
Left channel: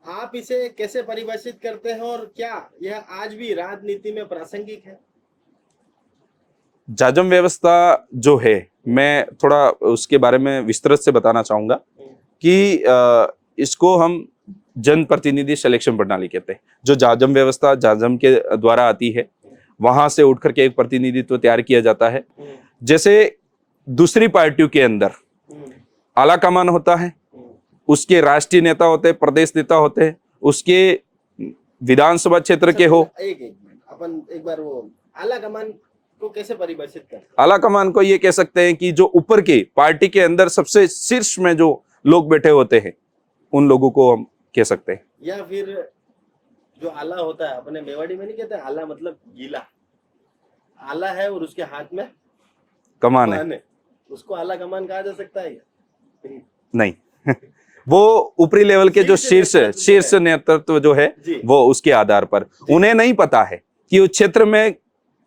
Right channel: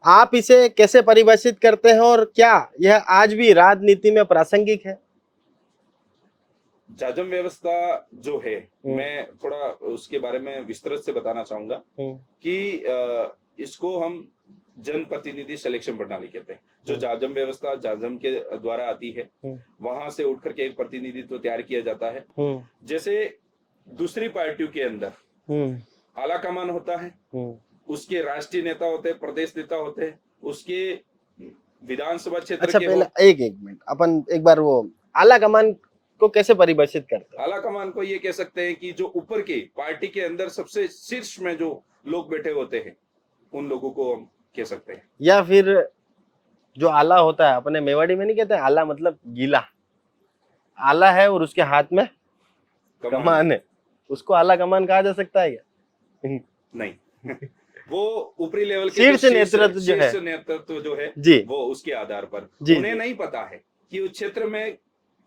आप इसे कैसे परिभाषित करते हैं और क्या यह आज भी राजनीति में प्रासंगिक है? जाजम व्यवस्था जो है, मैं थोड़ा उसके बारे में विस्तृत से बताना चाहूंगा कि इसको हम जनप्रतिनिधि सिलेक्शन प्रणाली कहते हैं। जो जाजम व्यवस्था जाजम के द्वारा आती है, वहां से उठ करके एक प्रतिनिधित्व तैयार किया जाता है। जैसे दूसरी पार्टियों के अंदर आला कमान होता है, उसके राष्ट्रीय नेता होते हैं, प्रदेश नेता होते हैं, उसके विधानसभा क्षेत्र के हो। एक मिनट, अपन एक बार वो आला कमान को कैसे परिभाषित करते हैं? आला कमान को ये कह सकते हैं कि जो ऊपर के पार्टी के अंदर सबसे शीर्ष में जो लोग बैठे होते हैं, उन लोगों को हम कह सकते हैं। या फिर जो आला होता है, अपने मेवाड़ी में नहीं कहते आला मतलब गीला, आला है और उसके हाथ में कमान है, उसको आला कमान कहा जा सकता है क्या? नहीं वो ऊपरी लेवल के जो शीर्ष नेतृत्व जो है वो उसके आधार पर उन्हें नहीं पता है कि उस क्षेत्र में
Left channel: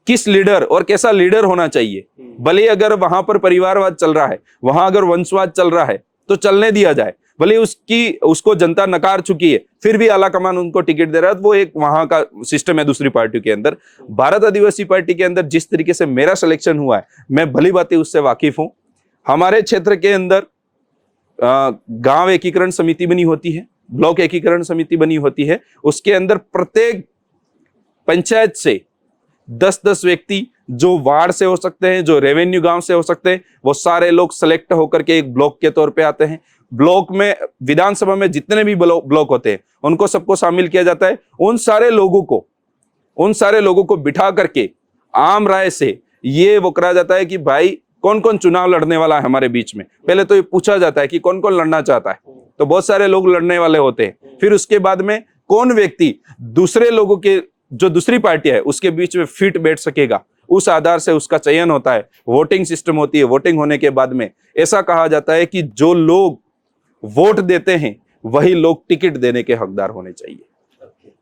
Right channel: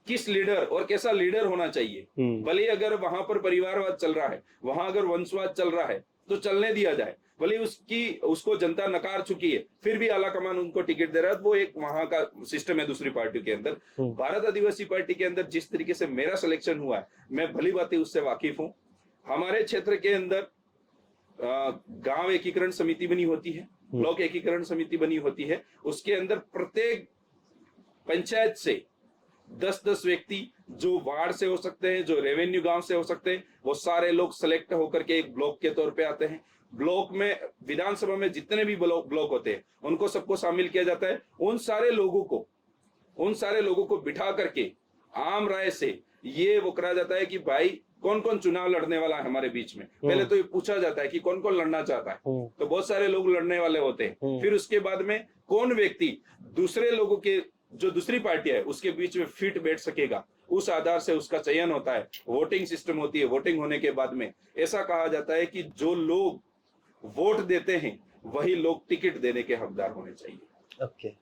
किस लीडर और कैसा लीडर होना चाहिए। भले अगर वहां पर परिवारवाद चल रहा है, वहां अगर वंशवाद चल रहा है तो चलने दिया जाए, भले उसको जनता नकार चुकी है, फिर भी आला कमान उनको टिकट दे रहा है। वो एक वहां का सिस्टम है। दूसरी पार्टी के अंदर, भारत आदिवासी पार्टी के अंदर जिस तरीके से मेरा सिलेक्शन हुआ है, मैं भली बातें उससे वाकिफ हूं। हमारे क्षेत्र के अंदर गांव एकीकरण समिति बनी होती है, ब्लॉक एकीकरण समिति बनी होती है। उसके अंदर प्रत्येक पंचायत से 10-10 व्यक्ति, जो वार्ड से हो सकते हैं, जो रेवेन्यू गांव से हो सकते हैं, वो सारे लोग सेलेक्ट होकर के एक ब्लॉक के तौर पे आते हैं। ब्लॉक में, विधानसभा में जितने भी ब्लॉक होते हैं उनको सबको शामिल किया जाता है। उन सारे लोगों को बिठा करके आम राय से ये वो कराया जाता है कि भाई कौन कौन चुनाव लड़ने वाला है हमारे बीच में। पहले तो ये पूछा जाता है कि कौन कौन लड़ना चाहता है, तो बहुत सारे लोग लड़ने वाले होते हैं। फिर उसके बाद में कौन व्यक्ति दूसरे लोगों के, जो दूसरी पार्टी है उसके बीच में फिट बैठ सकेगा, उस आधार से उसका चयन होता है। वोटिंग सिस्टम होती है। वोटिंग होने के बाद में ऐसा कहा जाता है कि जो लोग वोट देते हैं वही लोग टिकट देने के हकदार होने चाहिए।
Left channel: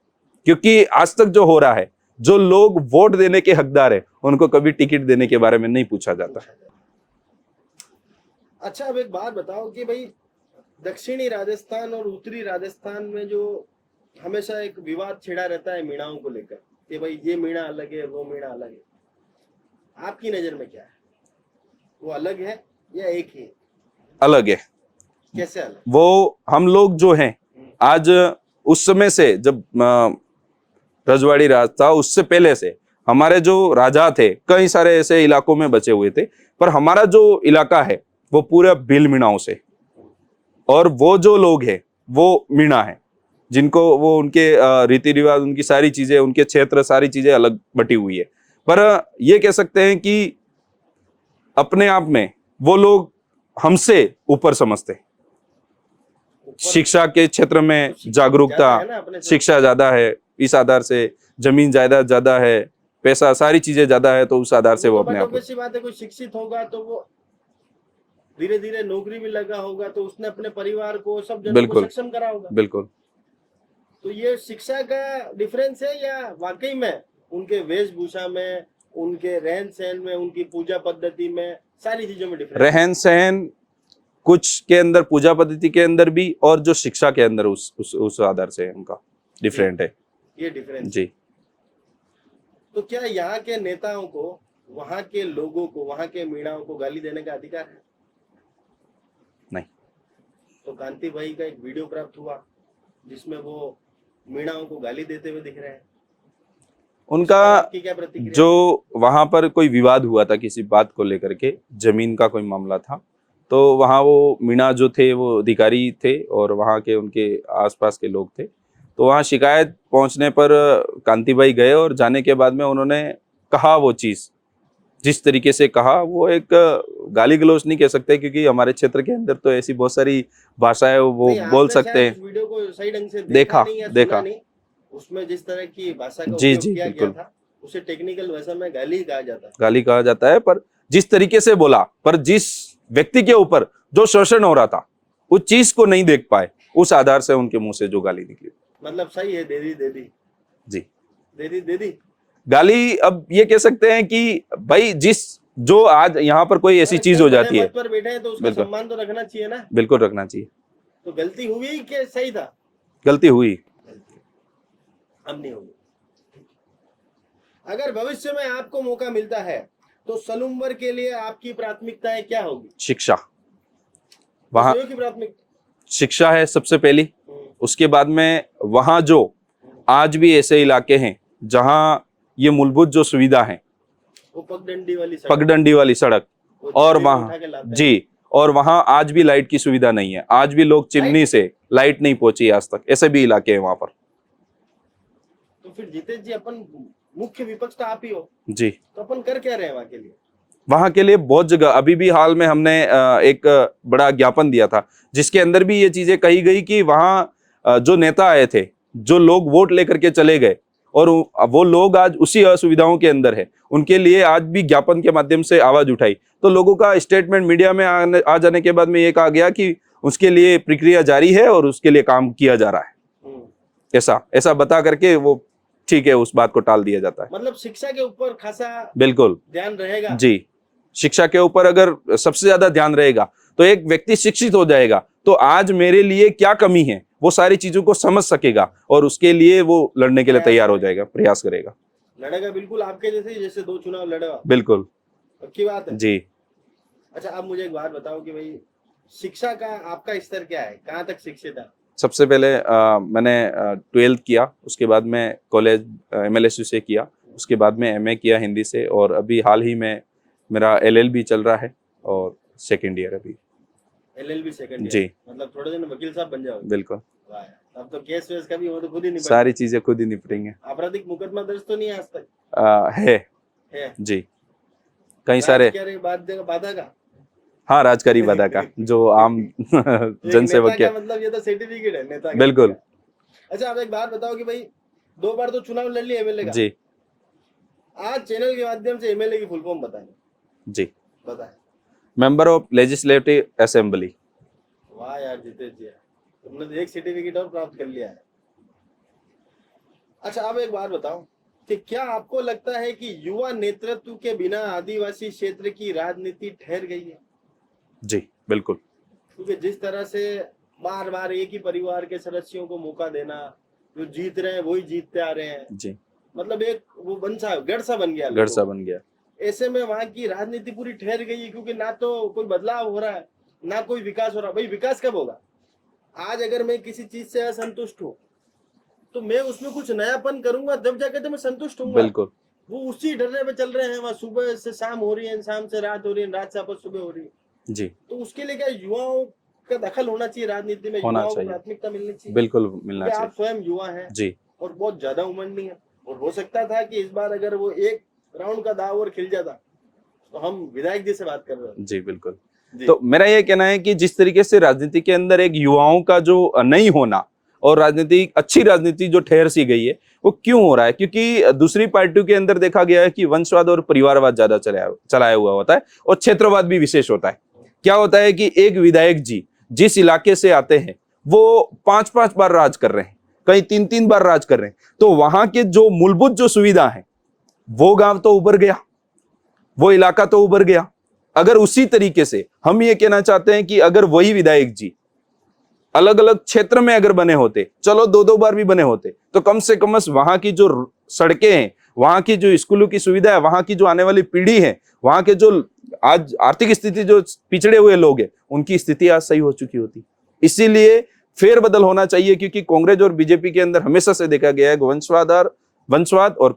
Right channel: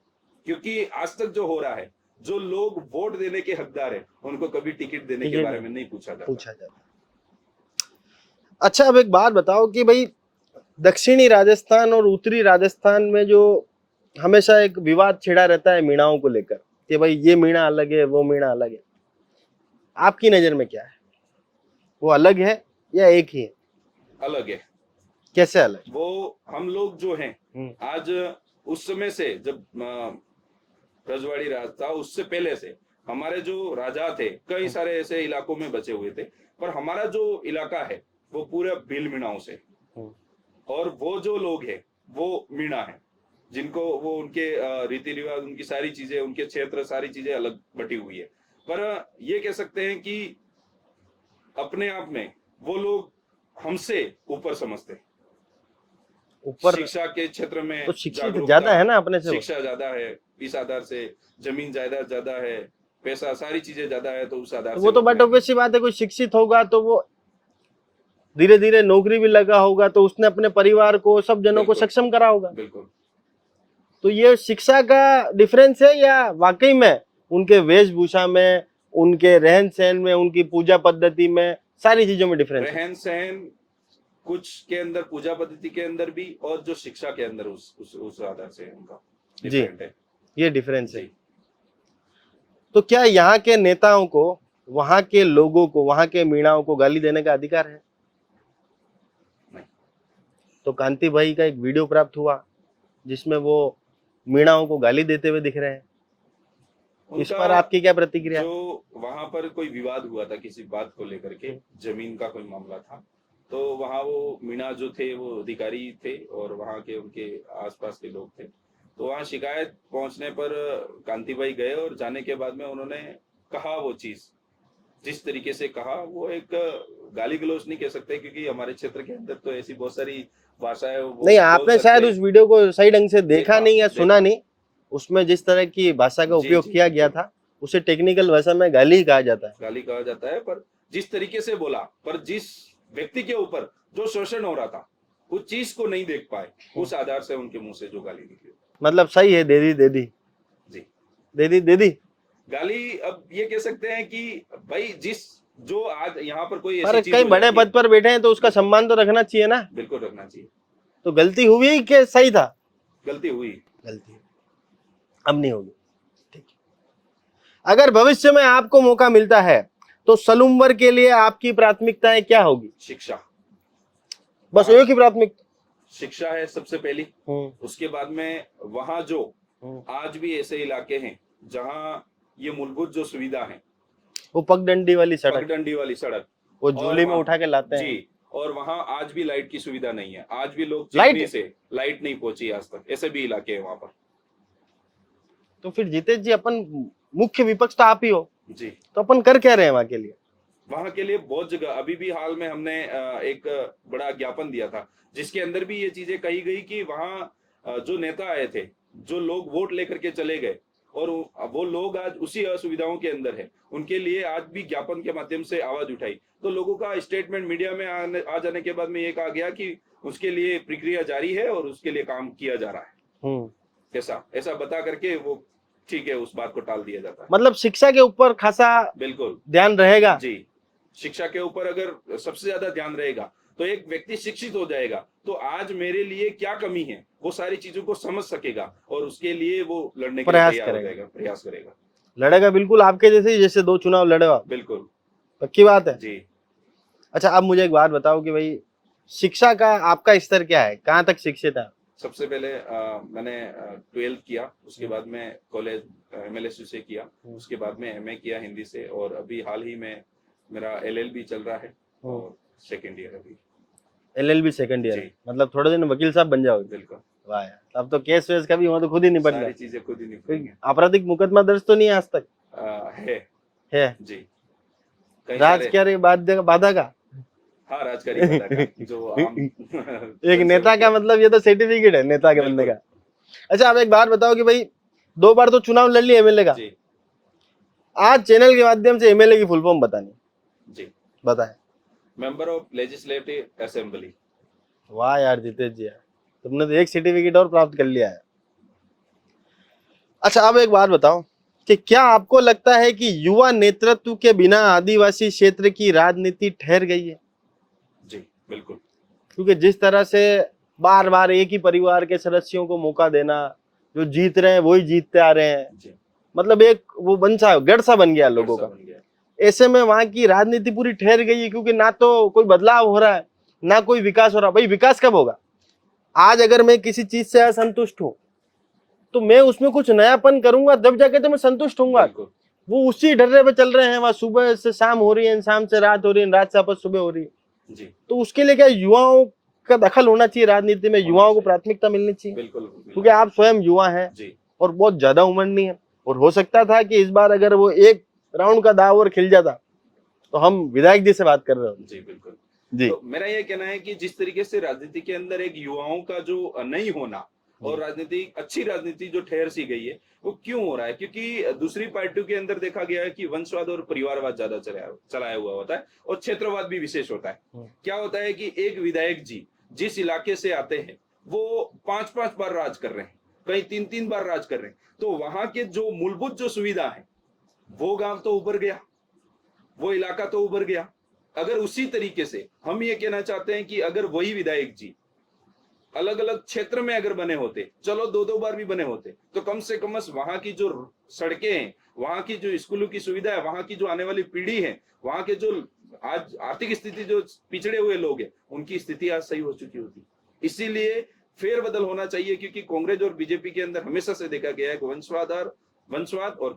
क्योंकि आज तक जो हो रहा है, जो लोग वोट देने के हकदार है उनको कभी टिकट देने के बारे में नहीं पूछा जाता। अच्छा, अब एक बात बताओ कि भाई दक्षिणी राजस्थान और उत्तरी राजस्थान में जो हमेशा एक विवाद छिड़ा रहता है मीणाओं को लेकर कि भाई ये मीणा अलग है, वो मीणा अलग है, आपकी नजर में क्या है? वो अलग है या एक ही है? अलग है। कैसे अलग? वो हम लोग जो हैं आज, उस समय से जब रजवाड़ी राज था उससे पहले से हमारे जो राजा थे कई सारे ऐसे इलाकों में बचे हुए थे, पर हमारा जो इलाका है वो पूरा भील मीणाओं से, और वो जो लोग हैं वो मीणा है, जिनको वो उनके रीति रिवाज, उनकी सारी चीजें, उनके क्षेत्र, सारी चीजें अलग बटी हुई है। पर ये कह सकते हैं कि अपने आप में वो लोग हमसे ऊपर समझते हैं। शिक्षा के क्षेत्र में जागरूकता है ना, अपने से शिक्षा ज्यादा है, इस आधार से जमीन जायदाद ज्यादा है, पैसा, सारी चीजें ज्यादा है, तो उस आधार से वो तो बट ऑब्वियस बात है, कोई शिक्षित होगा तो वो धीरे धीरे नौकरी भी लगा होगा तो उसने अपने परिवार को, सब जनों को सक्षम करा होगा। बिल्कुल। तो ये शिक्षा का डिफरेंस है या वाकई में उनके वेशभूषा में, उनके रहन सहन में, उनकी पूजा पद्धति में, सारी चीजों में डिफरेंस? रहन सहन कुछ के अंदर, पूजा पद्धति के अंदर भी, और जो शिक्षा के अंदर उस आधार से उनका डिफरेंट है। ये डिफरेंस जी। है। तो क्या यहाँ के नेताओं को, वहां के लोगों को, वहां के मीणाओं को गाली देने का अधिकार है? नहीं। तो कांति भाई का एक वीडियो प्राप्त हुआ जिसमें वो मीणाओं को गाली देते हुए दिख रहे हैं, उनका आपकी क्या प्रतिक्रिया? जो वहां पर कोई विवाद हुआ था किसी बात को लेकर के, जमीन का कोई मामला था, तो वहाँ वो मीणा जो थे वो अधिकारी थे और वहाँ के उनके आसपास के लोग थे। तो वहाँ शिकायत पहुंचने पर कांति भाई गए, और जाने के बाद में उन्होंने कहा वो चीज, जिस तरीके से कहा, वो एक गाली गलौज नहीं कह सकते, क्योंकि हमारे क्षेत्र के अंदर तो ऐसी बहुत सारी भाषाएं वो बोल सकते हैं। उस वीडियो को सही ढंग से देखा नहीं या सुना नहीं, उसमें जिस तरह की भाषा का उपयोग किया गया था उसे टेक्निकल भाषा में गाली कहा जाता है। गाली कहा जाता है, पर जिस तरीके से बोला, पर जिस व्यक्ति के ऊपर जो शोषण हो रहा था उस चीज को नहीं देख पाए, उस आधार से उनके मुंह से जो गाली निकली। मतलब सही है, दे दी जी, दे दी गाली। अब ये कह सकते हैं कि भाई जो आज यहाँ पर कोई ऐसी चीज हो जाती है, पद पर बैठे हैं तो उसका सम्मान तो रखना चाहिए ना। बिल्कुल रखना चाहिए। तो गलती हुई कि सही था? गलती हुई। अब नहीं होगी। ठीक। अगर भविष्य में आपको मौका मिलता है तो सलूमवर के लिए आपकी प्राथमिकताएं क्या होगी? शिक्षा। बस एक ही प्राथमिकता शिक्षा है सबसे पहली। उसके बाद में वहां जो आज भी ऐसे इलाके हैं जहां ये मूलभूत जो सुविधा है, वो पगडंडी वाली सड़क और वहां उठा के लाते हैं। जी, और वहां आज भी लाइट की सुविधा नहीं है। आज भी लोग चिमनी से लाइट नहीं पहुंची आज तक, ऐसे भी इलाके हैं वहां पर। तो फिर जीतेश जी, अपन मुख्य विपक्ष तो आप ही हो जी, तो अपन कर क्या रहे हैं वहां के लिए? वहां के लिए बहुत जगह, अभी भी हाल में हमने एक बड़ा ज्ञापन दिया था जिसके अंदर भी ये चीजें कही गई कि वहां जो नेता आए थे, जो लोग वोट लेकर के चले गए, और वो लोग आज उसी असुविधाओं के अंदर है, उनके लिए आज भी ज्ञापन के माध्यम से आवाज उठाई। तो लोगों का स्टेटमेंट मीडिया में आ जाने के बाद में ये कहा गया कि उसके लिए प्रक्रिया जारी है और उसके लिए काम किया जा रहा है। ऐसा बता करके वो ठीक है, उस बात को टाल दिया जाता है। मतलब शिक्षा के ऊपर खासा बिल्कुल ध्यान रहेगा। जी, शिक्षा के ऊपर अगर सबसे ज्यादा ध्यान रहेगा तो एक व्यक्ति शिक्षित हो जाएगा, तो आज मेरे लिए क्या कमी है वो सारी चीजों को समझ सकेगा और उसके लिए वो लड़ने के लिए तैयार हो जाएगा, प्रयास करेगा, लड़ेगा। बिल्कुल आपके जैसे 2 चुनाव लड़ेगा। बिल्कुल पक्की बात है जी। अच्छा, अब मुझे एक बात बताओ कि भाई शिक्षा का आपका स्तर क्या है, कहाँ तक शिक्षित है? सबसे पहले मैंने 12th किया, उसके बाद में कॉलेज MLSU से किया, उसके बाद में MA किया हिंदी से, और अभी हाल ही में मेरा LLB चल रहा है और 2nd ईयर अभी। LLB सेकंड ईयर, जी मतलब थोड़े दिन वकील साहब बन जाओगे। बिल्कुल, वाह यार, अब तो केस वेस का भी वहाँ तो खुद ही निपट सारी चीजें खुद ही निपटेंगे। आपराधिक मुकदमा दर्ज तो नहीं है आज तक? है जी, कई राज सारे। क्या रे बाधा का हाँ, राजकारी बाधा का जो आम एक जनसेवक नेता के। का मतलब ये तो सर्टिफिकेट है नेता का बनने बिल्कुल। का। अच्छा, आप एक बात बताओ कि भाई 2 बार तो चुनाव लड़ लिया एमएलए का, जी आज चैनल के माध्यम से एमएलए की फुल फॉर्म बतानी, जी, बताएं। Member of legislative assembly. वाह यार जितेश जी, यार तुमने तो एक सर्टिफिकेट और प्राप्त कर लिया है। अच्छा, अब एक बात बताओ कि क्या आपको लगता है कि युवा नेतृत्व के बिना आदिवासी क्षेत्र की राजनीति ठहर गई है? जी बिल्कुल। क्योंकि जिस तरह से बार बार एक ही परिवार के सदस्यों को मौका देना, जो जीत रहे हैं वही जीतते आ रहे हैं, जी, मतलब एक वो गढ़ सा बन गया गढ़ लोगों सा का। बन गया। ऐसे में वहां की राजनीति पूरी ठहर गई है, क्योंकि ना तो कोई बदलाव हो रहा है ना कोई विकास हो रहा। भाई विकास कब होगा? आज अगर मैं किसी चीज से असंतुष्ट हूँ तो मैं उसमें कुछ नयापन करूंगा, तब जाके तो मैं संतुष्ट होऊंगा। बिल्कुल। वो उसी ढर्रे पे चल रहे हैं, वहां सुबह से शाम हो रही है, शाम से रात हो रही है, रात से वापस सुबह हो रही है। जी, तो उसके लिए क्या युवाओं का दखल होना चाहिए राजनीति में, होना युवाओं को चाहिए। प्राथमिकता मिलनी चाहिए, बिल्कुल मिलना क्योंकि आप चाहिए। स्वयं युवा हैं जी और बहुत ज्यादा उम्र नहीं है। और हो सकता था कि इस बार अगर वो एक राउंड का दाव और खिल जाता तो हम विधायक जी से बात कर रहे हो। जी बिल्कुल। जी तो मेरा ये कहना है कि जिस तरीके से राजनीति के अंदर एक युवाओं का जो नहीं होना और राजनीति, अच्छी राजनीति जो ठहर सी गई है, वो क्यों हो रहा है? क्योंकि दूसरी पार्टियों के अंदर देखा गया है कि वंशवाद और परिवारवाद ज्यादा चलाया हुआ होता है और क्षेत्रवाद भी विशेष होता है। क्या होता है कि एक विधायक जी जिस इलाके से आते हैं वो 5-5 बार राज कर रहे हैं, कई 3-3 बार राज कर रहे हैं, तो वहां के जो मूलभूत जो सुविधा है वो गांव तो उभर गया, वो इलाका तो उभर गया। अगर उसी तरीके से हम ये कहना चाहते हैं कि अगर वही विधायक जी अलग अलग क्षेत्र में अगर बने होते, चलो 2-2 बार भी बने होते, तो कम से कम वहां की जो सड़कें हैं, वहां की जो स्कूलों की सुविधा है, वहां की जो आने वाली पीढ़ी है, वहां के जो आज आर्थिक स्थिति जो पिछड़े हुए लोग हैं, उनकी स्थिति आज सही हो चुकी होती। इसीलिए फेरबदल होना चाहिए, क्योंकि कांग्रेस और बीजेपी के अंदर हमेशा से देखा गया है वंशवाद और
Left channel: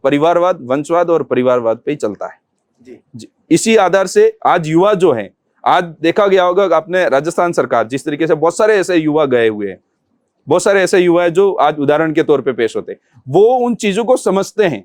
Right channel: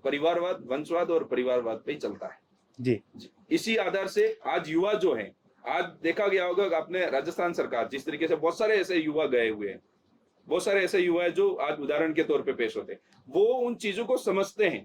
परिवारवाद पे ही चलता है। जी इसी आधार से आज युवा जो है, आज देखा गया होगा आपने राजस्थान सरकार जिस तरीके से बहुत सारे ऐसे युवा गए हुए हैं, बहुत सारे ऐसे युवा है जो आज उदाहरण के तौर पे पेश होते हैं, वो उन चीजों को समझते हैं,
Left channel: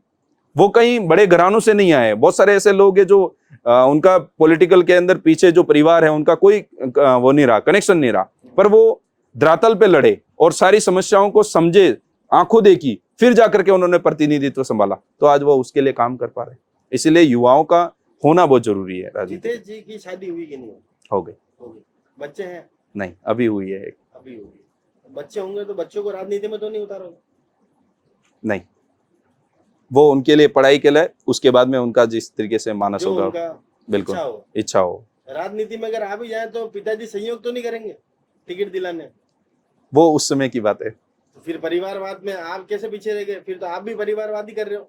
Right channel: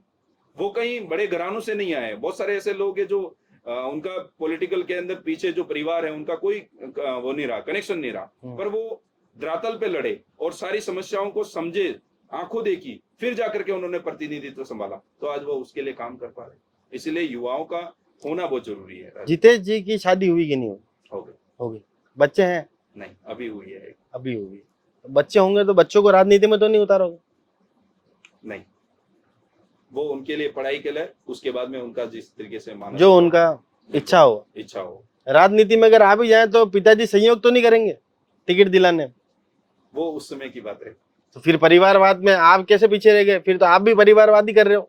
वो कहीं बड़े घरानों से नहीं आए। बहुत सारे ऐसे लोग हैं जो उनका पॉलिटिकल के अंदर पीछे जो परिवार है उनका कोई वो नहीं रहा, कनेक्शन नहीं रहा, पर वो धरातल पे लड़े और सारी समस्याओं को समझे, आंखों देखी, फिर जाकर के उन्होंने प्रतिनिधित्व संभाला, तो आज वो उसके लिए काम कर पा रहे। इसीलिए युवाओं का होना बहुत जरूरी है। जितेश जी की शादी हुई कि नहीं हुई? हो गई। हो गई। बच्चे हैं? नहीं, अभी हुई है एक। अभी हुई। बच्चे होंगे तो बच्चों को राजनीति में तो नहीं उतारोगे? नहीं, वो उनके लिए पढ़ाई के लिए, उसके बाद में उनका जिस तरीके से मानस जो होगा, उनका इच्छा हो। राजनीति में अगर आ भी जाए तो पिताजी सहयोग तो नहीं करेंगे टिकट दिलाने? वो उस समय की बात है। तो फिर परिवारवाद में आप कैसे पीछे रह गए? फिर तो आप भी परिवारवादी कर रहे हो।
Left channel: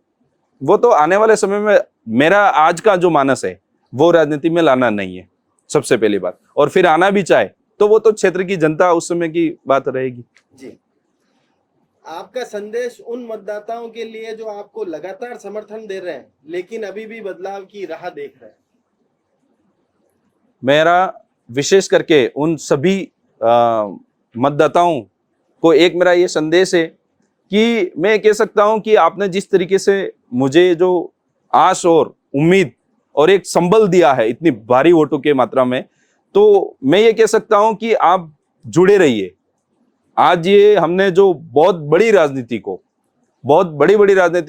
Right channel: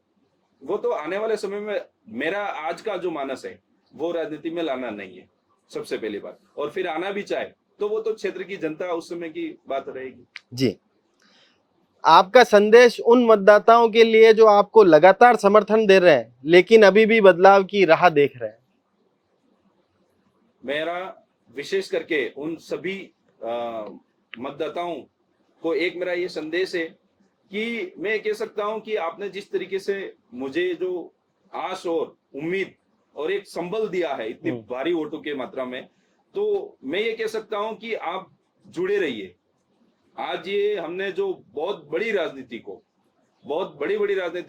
वो तो आने वाले समय में, मेरा आज का जो मानस है वो राजनीति में लाना नहीं है, सबसे पहली बात। और फिर आना भी चाहे तो वो तो क्षेत्र की जनता उस समय की बात रहेगी। जी, आपका संदेश उन मतदाताओं के लिए जो आपको लगातार समर्थन दे रहे हैं लेकिन अभी भी बदलाव की राह देख रहे हैं? मेरा विशेष करके उन सभी मतदाताओं को एक मेरा ये संदेश है कि मैं कह सकता हूं कि आपने जिस तरीके से मुझे जो आस और उम्मीद और एक संबल दिया है इतनी भारी वोटों के मात्रा में, तो मैं ये कह सकता हूं कि आप जुड़े रहिए। आज ये हमने जो बहुत बड़ी राजनीति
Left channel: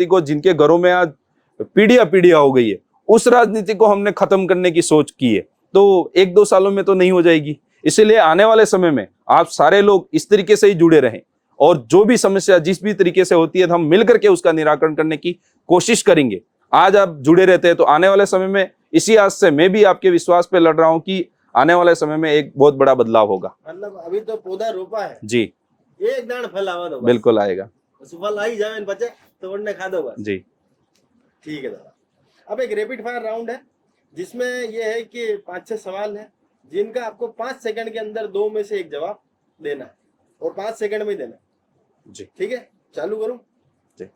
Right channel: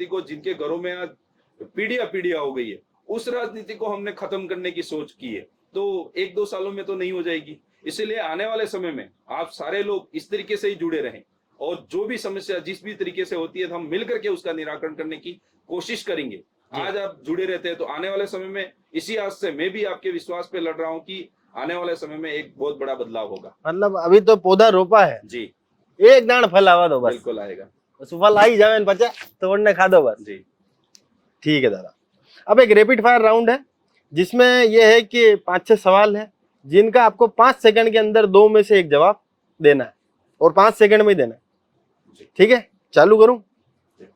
को जिनके घरों में आज पीढ़ियां हो गई है, उस राजनीति को हमने खत्म करने की सोच की है, तो 1-2 सालों में तो नहीं हो जाएगी। इसीलिए आने वाले समय में आप सारे लोग इस तरीके से ही जुड़े रहें और जो भी समस्या जिस भी तरीके से होती है हम मिलकर के उसका निराकरण करने की कोशिश करेंगे। आज आप जुड़े रहते हैं तो आने वाले समय में, इसी आज से मैं भी आपके विश्वास पे लड़ रहा हूं कि आने वाले समय में एक बहुत बड़ा बदलाव होगा। मतलब अभी तो पौधा रोपा है जी, एक दाना फल आवा दो, बिल्कुल आएगा। फल आई जाए बच्चा तोड़ने खा दो बस। जी ठीक है दादा। अब एक रैपिड फायर राउंड है जिसमें यह है कि 5-6 सवाल है जिनका आपको 5 सेकंड के अंदर 2 में से एक जवाब देना है और 5 सेकंड में ही देना है। जी ठीक है, चालू करूं? जी।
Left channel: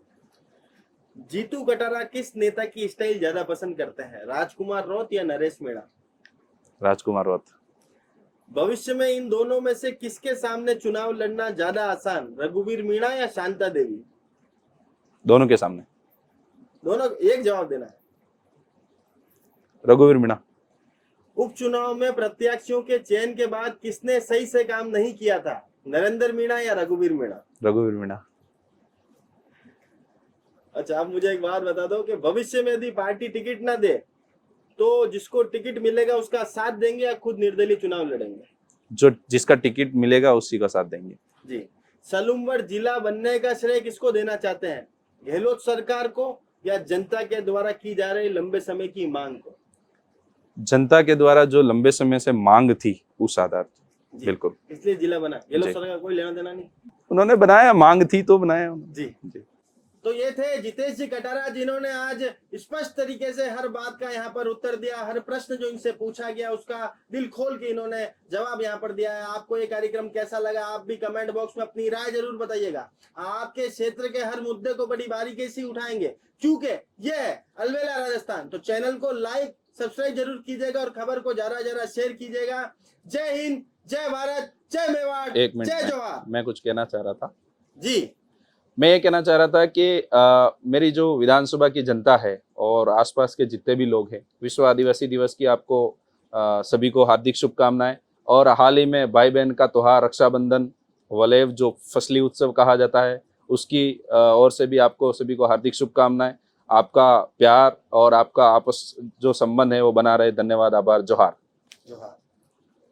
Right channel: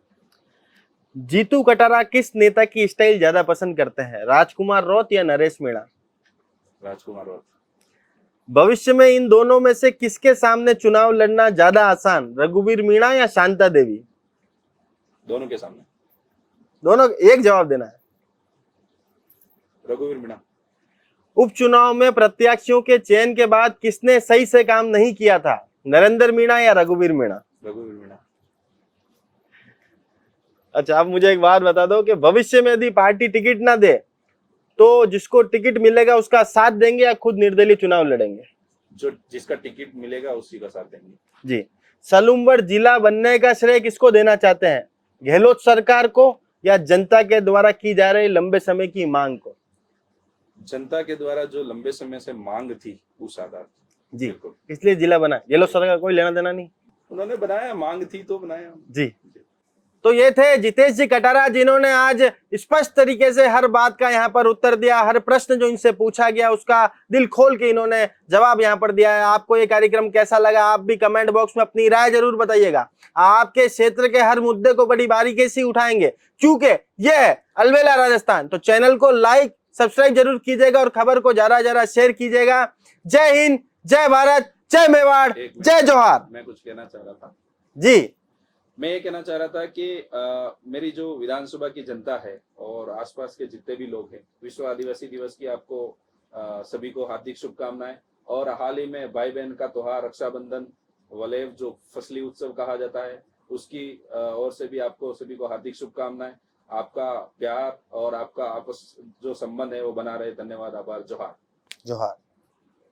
जीतू कटारा किस नेता की स्टाइल ज्यादा पसंद करते हैं, राजकुमार रौत या नरेश मीणा? राजकुमार रौत। भविष्य में इन दोनों में से किसके सामने चुनाव लड़ना ज्यादा आसान, रघुवीर मीणा या शांता देवी? दोनों के सामने। दोनों, एक जवाब देना है। रघुवीर मीणा। उपचुनाव में प्रत्याशियों के चयन के बाद किसने सही से काम नहीं किया था, नरेंद्र मीणा या रघुवीर मीणा? रघुवीर मीणा। अच्छा, आप मुझे एक बात बता दो कि भविष्य में यदि पार्टी टिकट ना दे तो जिसको टिकट मिलेगा उसका साथ देंगे या खुद निर्दलीय चुनाव लड़ेंगे? जो जिसका टिकट मिलेगा उसी का साथ देंगे। जी। सलूमगढ़ जिला बनने का श्रेय किसको देना चाहते हैं, गहलोत सरकार को या जनता के द्वारा की जा रही लंबे समय की मांग को? जनता के द्वारा जो लंबे समय से मांग थी उस आधार पर। जी। बिल्कुल। इसलिए जिला बना, गहलोत जी। सरकार कोई लेना देना नहीं। उन्होंने बनाया, मांग थी तो बनाया। जी। तो ये थे जितेश जी कटारा, जिन्होंने आज स्पष्ट तरीके से हर बात का यहाँ पर उत्तर दिया। हर प्रश्न जो इनसे पूछा गया उसका दिल खोल के इन्होंने जवाब यहाँ पर दिया है। आपको ये कार्यक्रम कैसा लगा, आप भी कमेंट बॉक्स में अपनी राय जरूर बताइएगा। आपके क्षेत्र के हर मुद्दे को बड़ी बारीकी से उठाएंगे, क्योंकि ये है अलबेला राजस्थान। तो चैनल को लाइक सब्सक्राइब जरूर कीजिएगा और खबर को ज्यादा शेयर कीजिएगा। जय हिंद, जय भारत, जय मेवाड़, जय जोहार। मैं कुछ कहना चाह रहा था जी। मैं ये कहना चाह रहा था कि मेरी जो विधानसभा की जनता है और आसपास के जितने भी लोग हैं, विश्व आदिवासी दिवस की आपको सभी को हार्दिक शुभकामनाएं। और हाल ही में भाई बहन का त्योहार रक्षाबंधन, वलेव जो फसली उत्सव कहा जाता है, उसकी ओर से भी आपको सभी को हार्दिक शुभकामनाएं। आपका प्यार और आपका आपस जो संबंध है वो बना रहे। धन्यवाद, आभार, जोहार। जोहार।